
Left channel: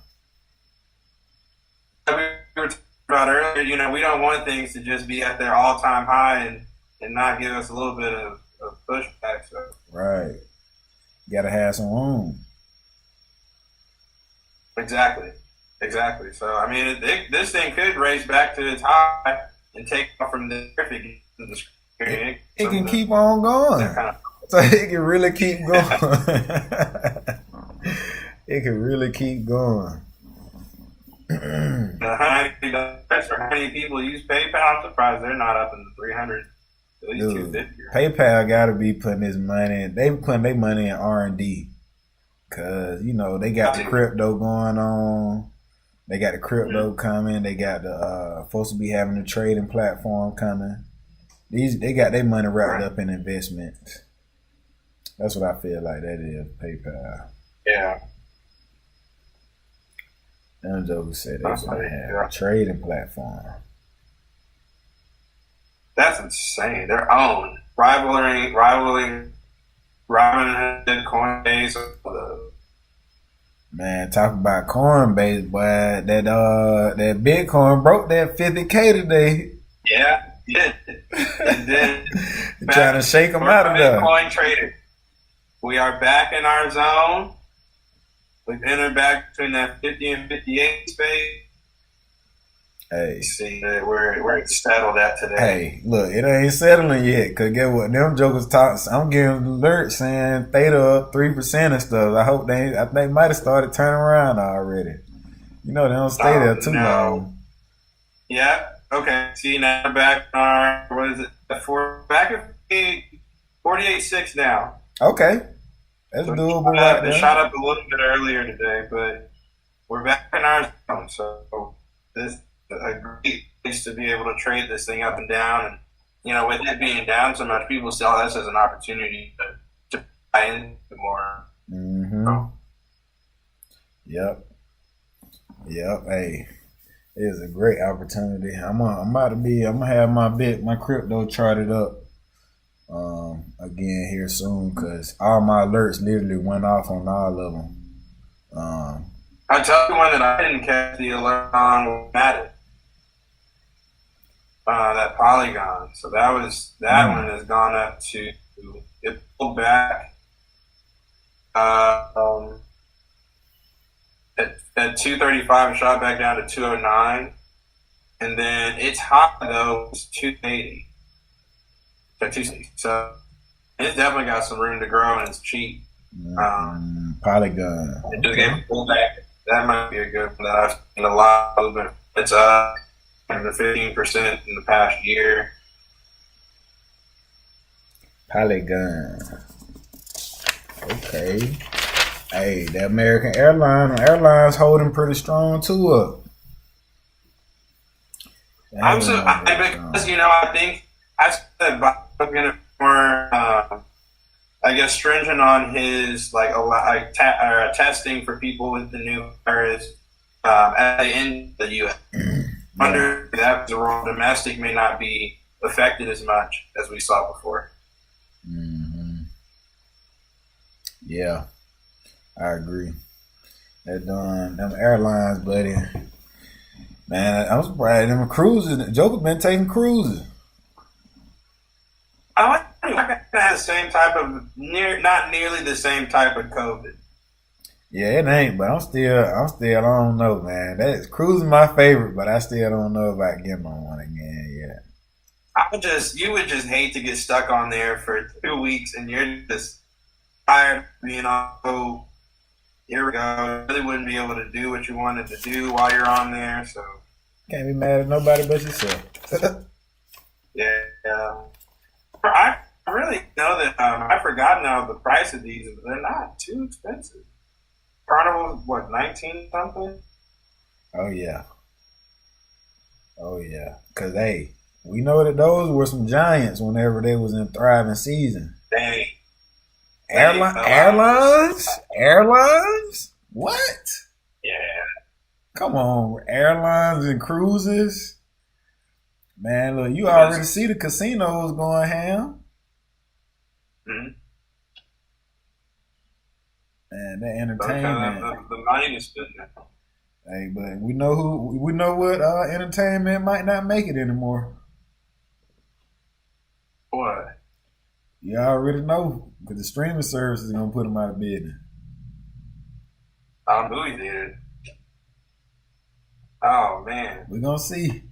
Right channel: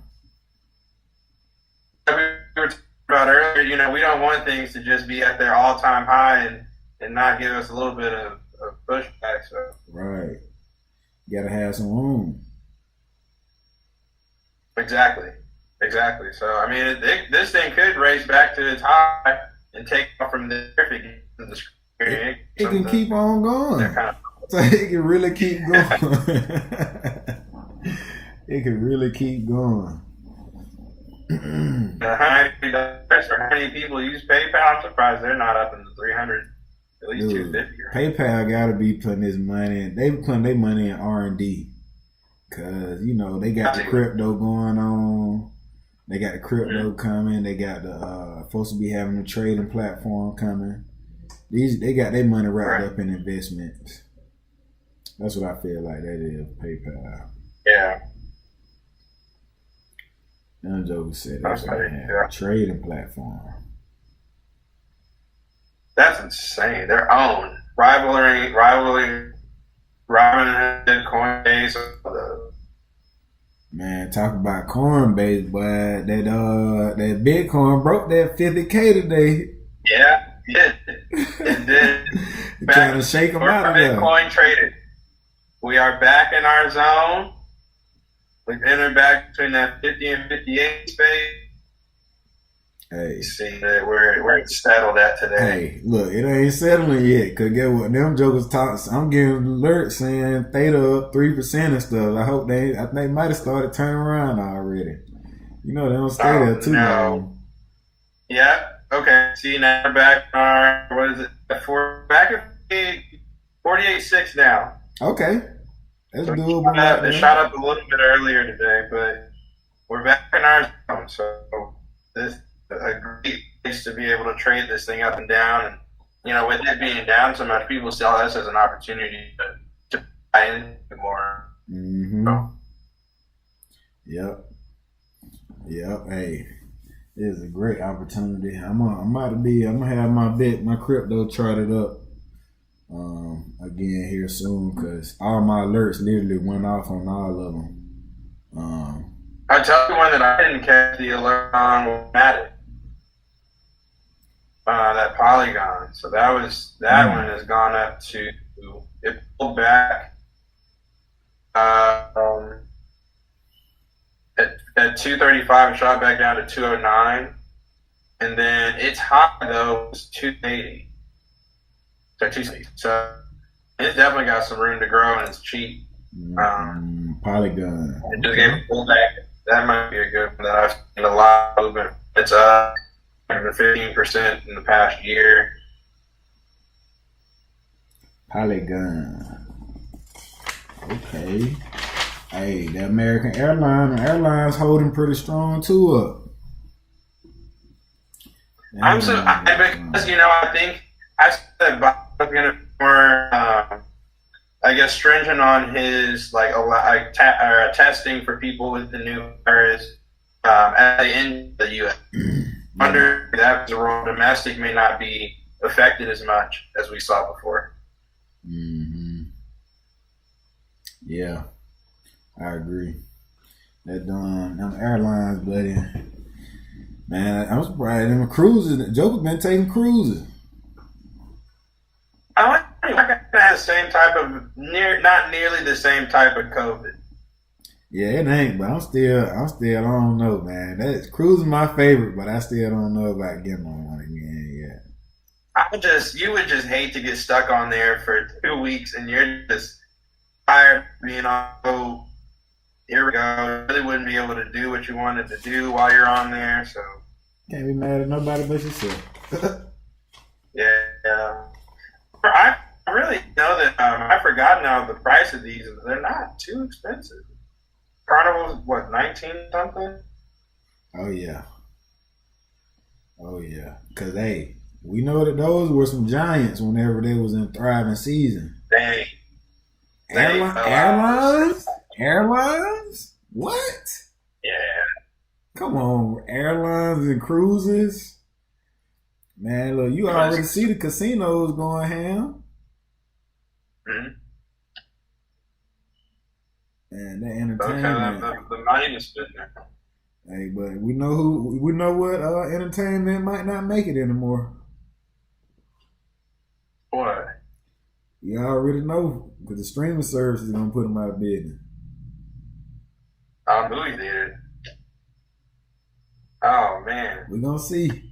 We were talking about earlier, we don't want things to just be at their all-time high and not give us a little bit of pushback. So. Right. You got to have some room. Exactly. So, I mean, this thing could race back to its high and take off from there if it gets in the screen. It can keep on going. So it can really keep going. It can really keep going. How many people use PayPal? I'm surprised they're not up in the 300, at least 250. PayPal got to be putting his money in. They putting their money in R&D because they got the crypto going on. They got the crypto coming. They got the supposed to be having a trading platform coming. They got their money wrapped up in investments. That's what I feel like that is PayPal. Yeah. Them jokers said they're going to have a trading platform. That's insane. Their own rivaling Robinhood, Coinbase. Man, talk about Coinbase, boy. That Bitcoin broke that 50K today. Yeah, it did. Trying to shake them out of there. Bitcoin traded. We are back in our zone. We've entered back between that 50 and 58 space. Hey, see that where it's settled at today. Hey, look, it ain't settling yet. Cause get what them jokers talk. I'm getting alerts saying theta up 3% and stuff. I think they might have started turning around already. They don't stay there too long. Yeah. Okay. See, now we're back in our back at 48.6 now. Okay. That's so doable. It shot up a little bit earlier today, but we're back in our zone. So this is a great place to be able to trade this thing up and down. And, with it being down so much, people sell this as an opportunity to buy in more. Mm-hmm. So. Yep. Hey, it is a great opportunity. I'm gonna have my crypto charted up again here soon because all my alerts literally went off on all of them. I tell you one that I didn't catch the alert on Matic. That Polygon. So that one has gone up to, it pulled back at 235 and shot back down to 209. And then its high though was 280. So it's definitely got some room to grow and it's cheap. Polygon. It just gave a pullback. That might be a good one that I've seen a lot of movement. It's up 15% in the past year. Polygon. Okay. Hey, the American Airlines holding pretty strong too up. Because I think I said Biden was going to be more, stringent on his testing for people with the new virus at the end of the U.S. Under that was a rule, domestic may not be affected as much as we saw before. Mm-hmm. Yeah, I agree. They're doing them airlines, buddy. Man, I'm surprised them cruises. Joker been taking cruises. I got the same type of not nearly the same type of COVID. Yeah, it ain't, but I'm still, I don't know, man. That's cruising my favorite, but I still don't know if I can get on one again yet. You would just hate to get stuck on there for 2 weeks and you're just tired of being on. Oh, here we go. You really wouldn't be able to do what you wanted to do while you're on there, so. Can't be mad at nobody but yourself. Yeah. I really know that I forgot now the price of these. They're not too expensive. Carnival's what, 19 something? Oh yeah. Cause hey, we know that those were some giants whenever they was in thriving season. Dang. Airlines? What? Yeah. Come on, airlines and cruises. Man, look, you already see the casinos going ham. Mm-hmm. Man, that entertainment. The money is spent there. Hey, but we know what entertainment might not make it anymore. What? You already know, because the streaming service is gonna put them out of business. Movie theater. Oh man. We're gonna see.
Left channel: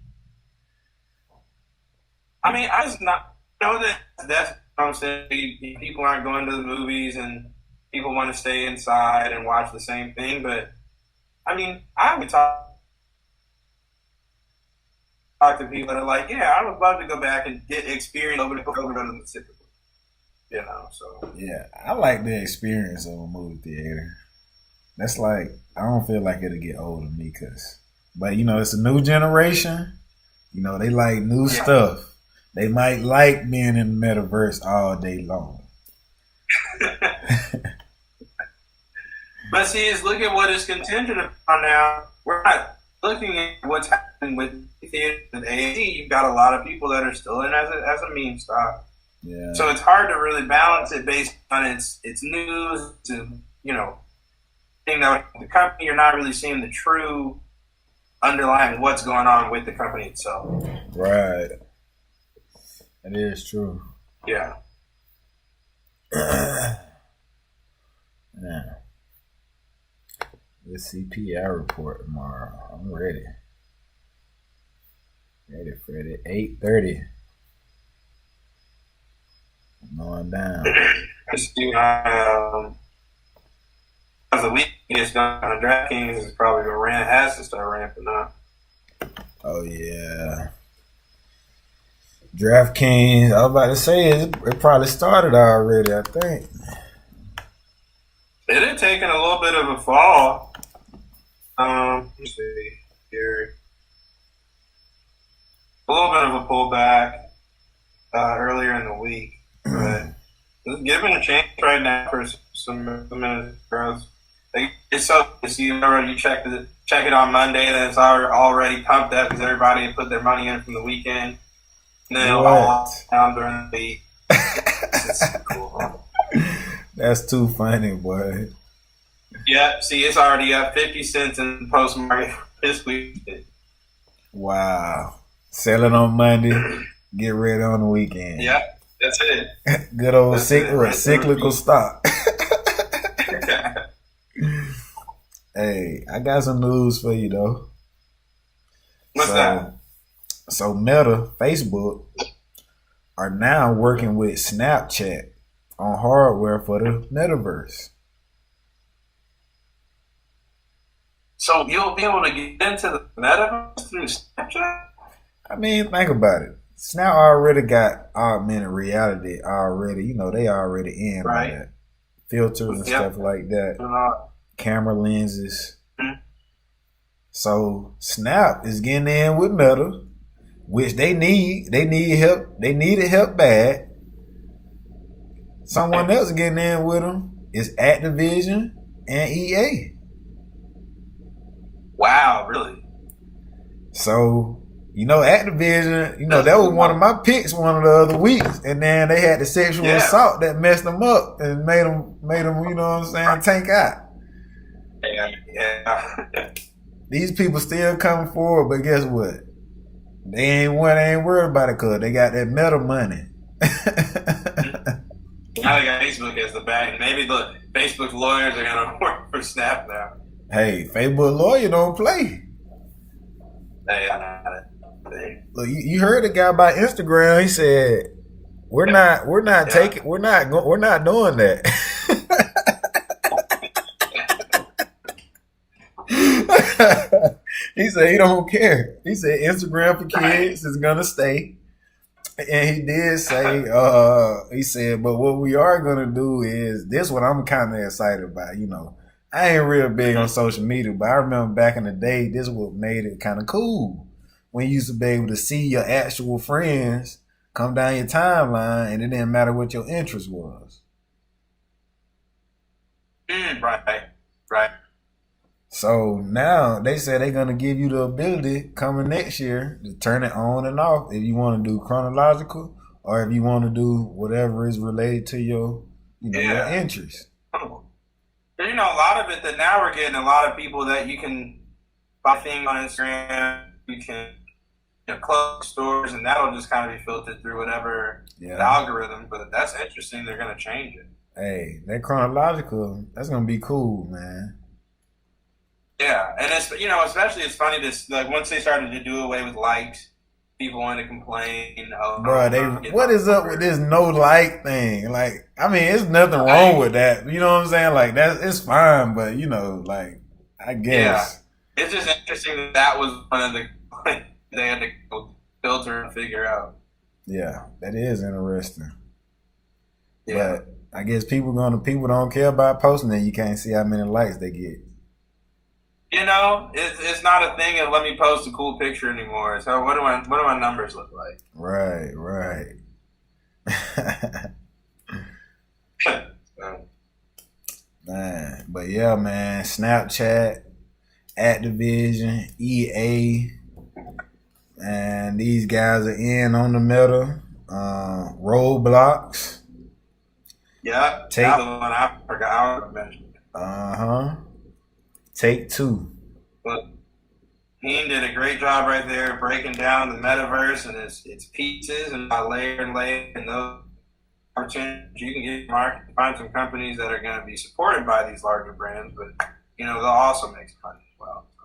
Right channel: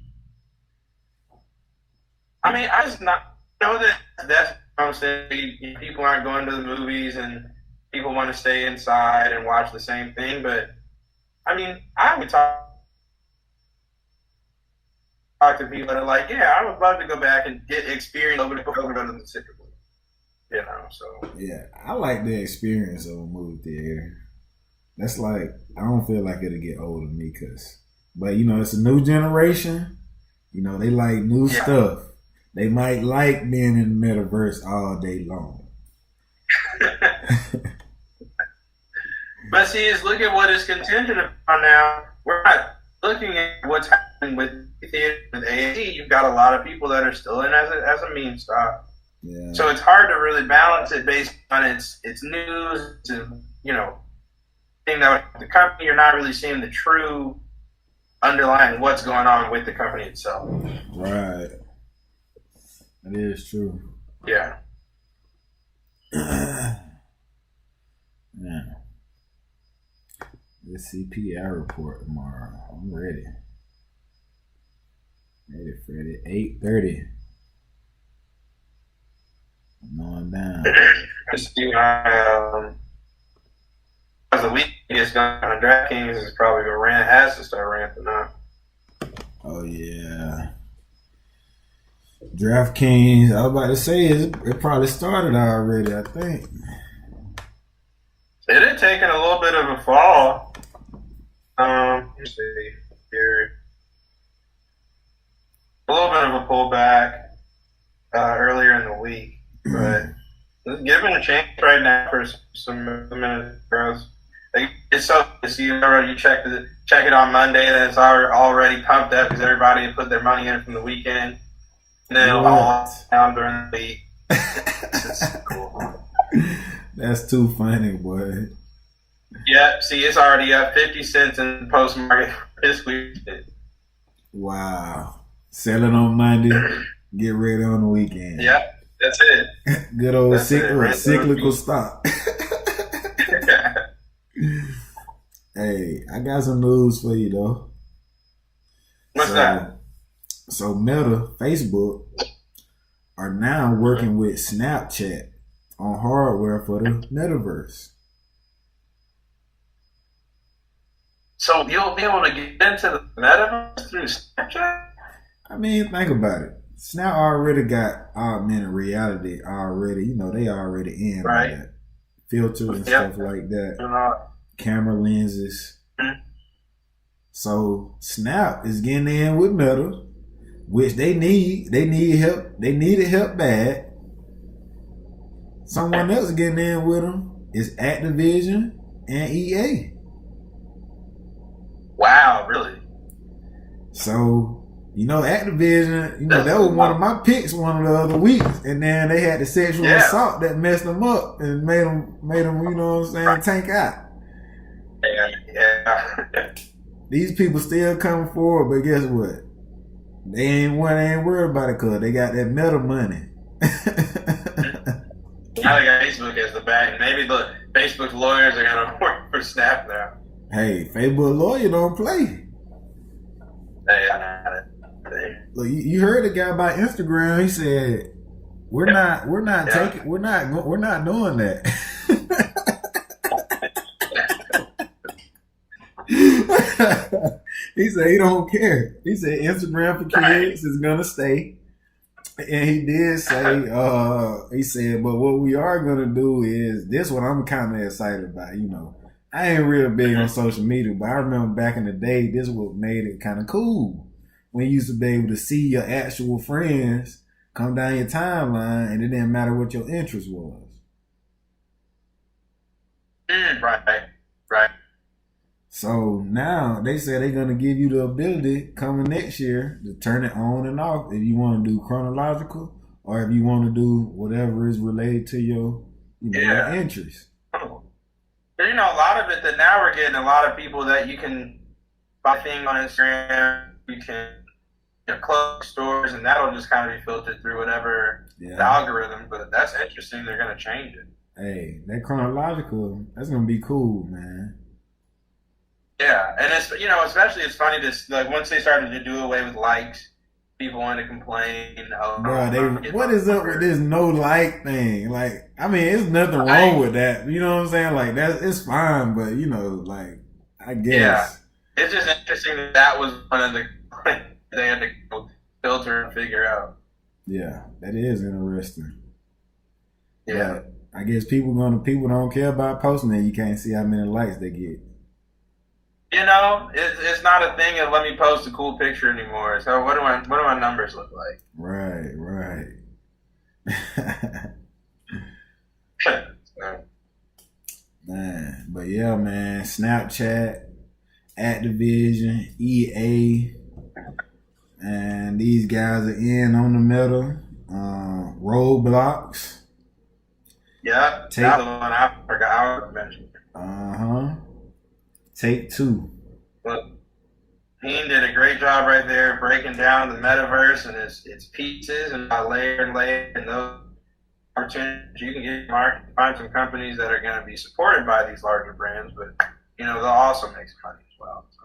I mean, I just not know that's what I'm saying. People aren't going to the movies and people want to stay inside and watch the same thing. But I mean, I would talk to people that are like, yeah, I would love to go back and get experience over before we go to the Super Bowl. You know, so. Yeah, I like the experience of a movie theater. That's like, I don't feel like it'll get old to me, but you know, it's a new generation. You know, they like new stuff. They might like being in the metaverse all day long. But see, look at what it's contingent upon now. We're not looking at what's happening with theater, with AMC. You've got a lot of people that are still in as a meme stock. Yeah. So it's hard to really balance it based on its news, you know, thing that the company, you're not really seeing the true underlying what's going on with the company itself. Right. That is true. Yeah. Yeah. The CPI report tomorrow. I'm ready. Ready for it. 8:30. I'm going down. As the week gets done, DraftKings is probably going to has to start ramping up. Oh, yeah. DraftKings, I was about to say, it probably started already, I think. It had taken a little bit of a fall. Let's see here. A little bit of a pullback earlier in the week, but it's given a chance right now for some minutes growth. It's so to see you check it on Monday, and it's already pumped up because everybody put their money in from the weekend, and then it'll all down during the week. It's cool. Huh? That's too funny, boy. Yeah, see, it's already up 50 cents in post market this week. Wow. Selling on Monday, get ready on the weekend. Yeah, that's it. Good old cyclical stock. Hey, I got some news for you, though. What's that? So Meta, Facebook, are now working with Snapchat on hardware for the metaverse. So you'll be able to get into the metaverse through Snapchat? I mean, think about it. Snap already got augmented reality already. You know, they already in on that. Filters and stuff like that. Camera lenses. Mm-hmm. So Snap is getting in with Meta, which they need. They need help. They needed help bad. Someone else getting in with them is Activision and EA. Wow, really? So, you know, Activision, you know, that was one of my picks one of the other weeks. And then they had the sexual assault that messed them up and made them, you know what I'm saying, tank out. Yeah. These people still coming forward, but guess what? They ain't worried about it because they got that meta money. Now they got Facebook as the bank. Maybe the Facebook lawyers are gonna work for Snap now. Hey, Facebook lawyer don't play. Hey, Look, you heard the guy about Instagram. He said, "We're not doing that." He said he don't care. He said Instagram for kids is gonna stay. And he did say, he said, but what we are gonna do is this. What I'm kind of excited about. I ain't real big on social media, but I remember back in the day, this is what made it kind of cool. When you used to be able to see your actual friends come down your timeline, and it didn't matter what your interest was. Right. So now they say they're gonna give you the ability coming next year to turn it on and off if you want to do chronological or if you want to do whatever is related to your, your interest. A lot of it that now we're getting a lot of people that you can buy things on Instagram, you can close stores, and that'll just kind of be filtered through whatever the algorithm. But that's interesting. They're gonna change it. Hey, that chronological, that's gonna be cool, man. Yeah, and it's especially it's funny this like once they started to do away with likes, people want to complain. Bro, what is up with this no like thing? Like, I mean, it's nothing wrong with that. You know what I'm saying? Like it's fine, but like I guess. Yeah, it's just interesting that was one of the they had to go filter and figure out. Yeah, that is interesting. Yeah, but I guess people don't care about posting that. You can't see how many likes they get. It's not a thing of let me post a cool picture anymore. So what do my numbers look like? Right. Man, but yeah, man, Snapchat, Activision, EA, and these guys are in on the meta. Roblox. Yeah, that's the one I forgot to mention. Take-Two. Look, Dean did a great job right there breaking down the metaverse and its pieces and by layer and layer and those opportunities you can get market. Find some companies that are going to be supported by these larger brands, but they'll also make some money as well. So.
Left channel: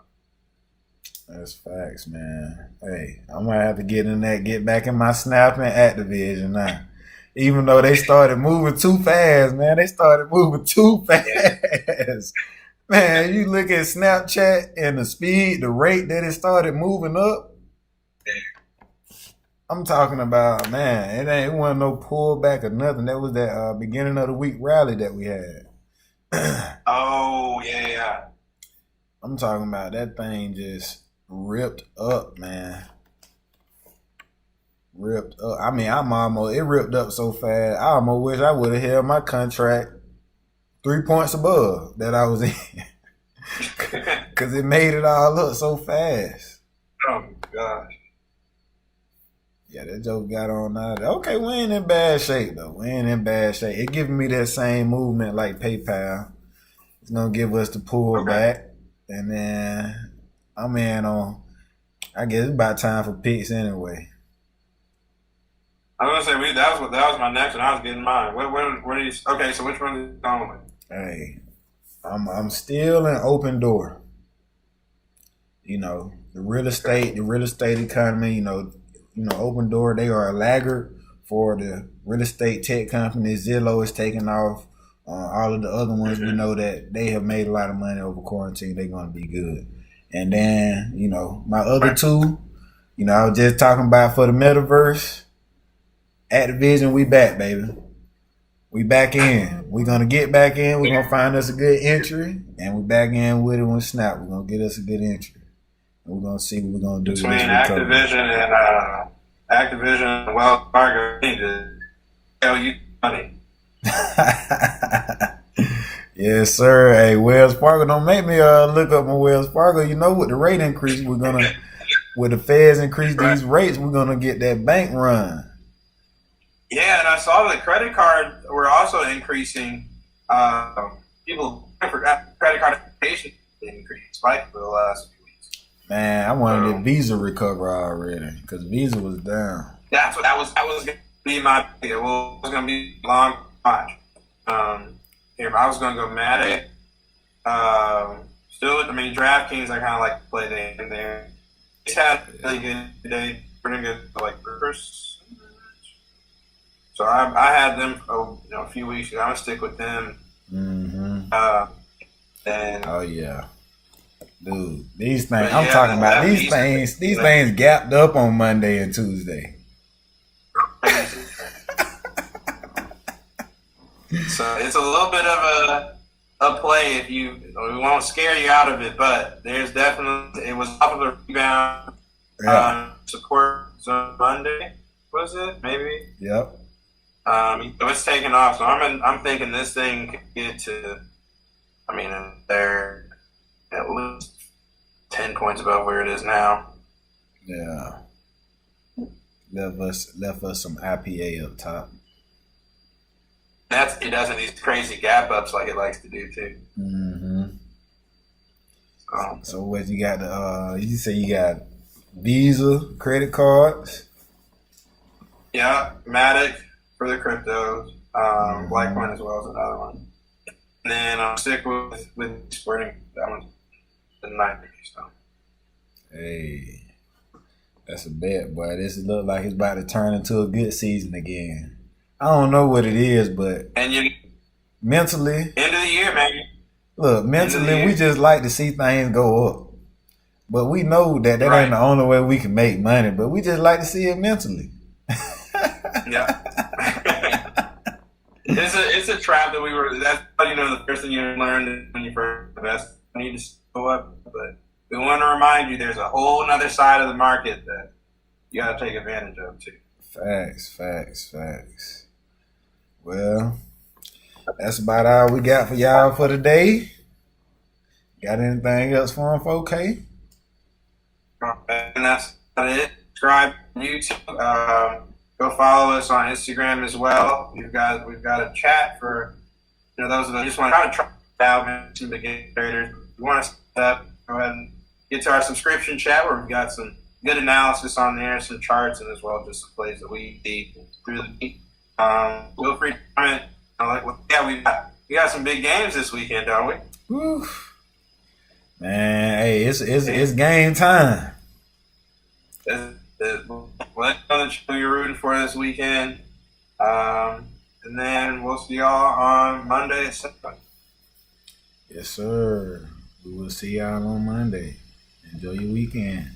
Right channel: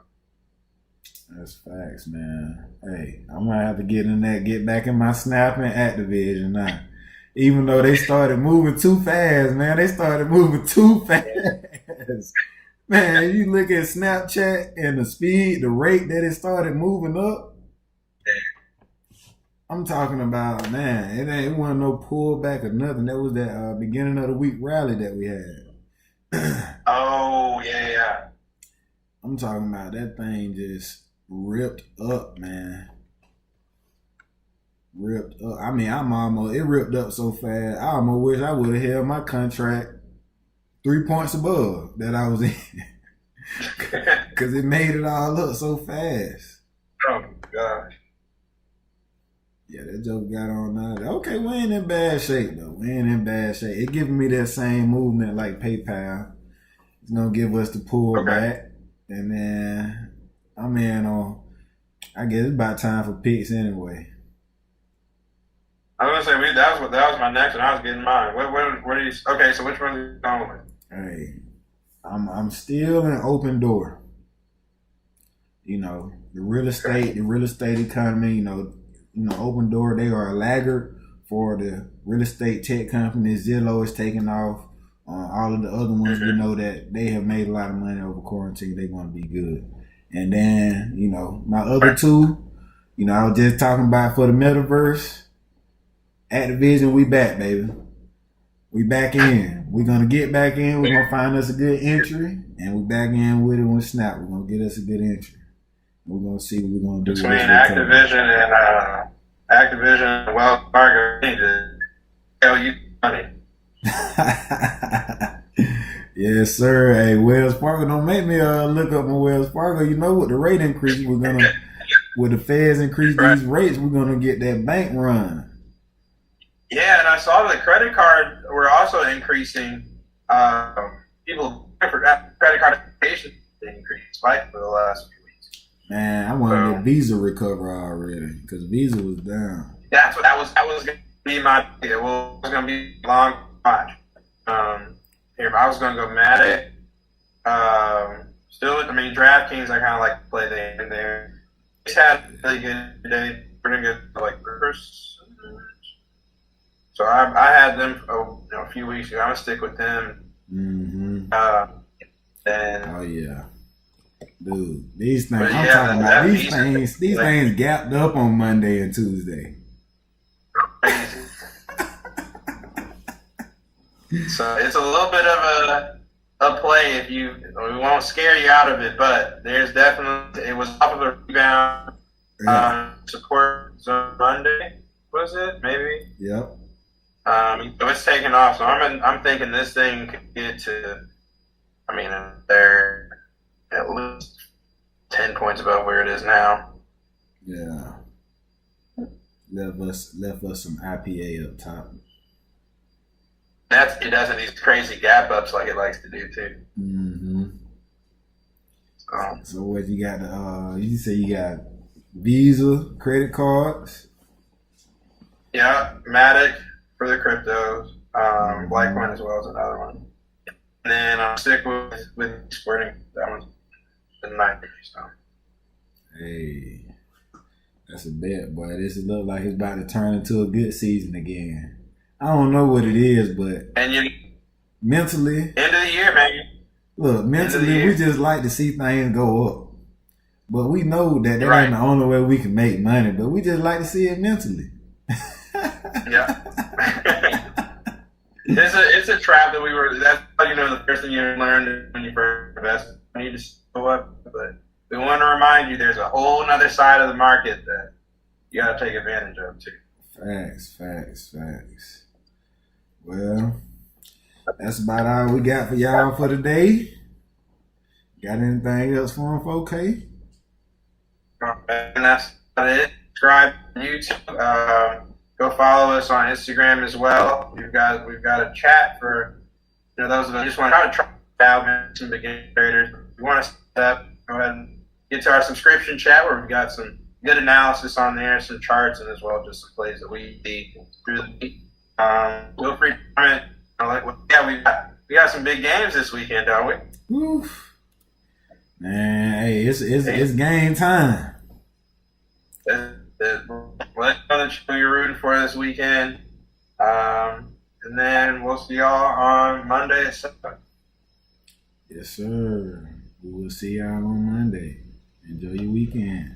That's facts, man. Hey, I'm gonna have to get back in my Snap and Activision now. Even though they started moving too fast, man. Man, you look at Snapchat and the rate that it started moving up. I'm talking about, man, it wasn't no pullback or nothing. That was that beginning of the week rally that we had. Oh, yeah. I'm talking about that thing just ripped up, man. Ripped up. I mean, it ripped up so fast, I almost wish I would have held my contract 3 points above that I was in. Because it made it all up so fast. Oh, my gosh. Yeah, that joke got on out. Okay, we ain't in bad shape, though. It giving me that same movement like PayPal. It's going to give us the pullback. And then I'm in on, I guess it's about time for picks anyway. I was going to say, that was my next one. I was getting mine. What are you, okay, so which one are you going with? Hey, I'm still in open door. The real estate economy, open door, they are a laggard for the real estate tech companies. Zillow is taking off. All of the other ones, we know that they have made a lot of money over quarantine. They're going to be good. And then, my other two, I was just talking about for the metaverse, Activision, we back, baby. We back in. We're going to get back in. We're going to find us a good entry. And we back in with it when Snap. We're going to get us a good entry. And we're going to see what we're going to do. Between Activision and Wells Fargo, they need to tell you money. Yes, sir. Hey, Wells Fargo, don't make me look up my Wells Fargo. With the rate increase, with the feds increase these rates, we're going to get that bank run. Yeah, and I saw the credit cards were also increasing. People for credit card patient increased spike for the last few weeks. Man, I wanted that Visa recover already because Visa was down. That's what that was going to be my idea. Well, it was going to be a long watch. Here, I was going to go Matic. Still, I mean, DraftKings, I kind of like to play there. He's had a really good day, pretty good, like, reverse. So I had them a few weeks ago. I'm going to stick with them. Mm-hmm. Oh, yeah. Dude, these things, I'm talking about these things gapped up on Monday and Tuesday. So it's a little bit of a play we won't scare you out of it, but there's definitely, it was off of a rebound support zone Monday, was it? Maybe? Yep. So it's taking off. So I'm thinking this thing could get to, I mean, they're at least 10 points above where it is now. Yeah. Left us some IPA up top. It doesn't these crazy gap ups like it likes to do too. Mm-hmm. So what you got? You say you got Visa credit cards? Yeah, Matic for the cryptos. Litecoin as well as another one. And then I'll stick with Sporting. That one's the 9:30. So. Hey, that's a bet, boy. This looks like it's about to turn into a good season again. I don't know what it is, but mentally, end of the year, man. Look, mentally, we just like to see things go up. But we know that ain't the only way we can make money, but we just like to see it mentally. Yeah. It's a trap that that's how the first thing you learn when you first invest. You need to go up, but we want to remind you there's a whole other side of the market that you got to take advantage of too. Facts. Well, that's about all we got for y'all for today. Got anything else for them, 4K? And that's it. Subscribe to YouTube. Go follow us on Instagram as well. We've got a chat for those of us who just want to try out some beginner traders. If you want to set up, go ahead and get to our subscription chat where we've got some good analysis on there, some charts, and as well just some plays that we see through the week. Feel free to comment. We got some big games this weekend, don't we? Woo. Man, hey, it's game time. What other show you're rooting for this weekend? And then we'll see y'all on Monday at 7. Yes, sir. We will see y'all on Monday. Enjoy your weekend.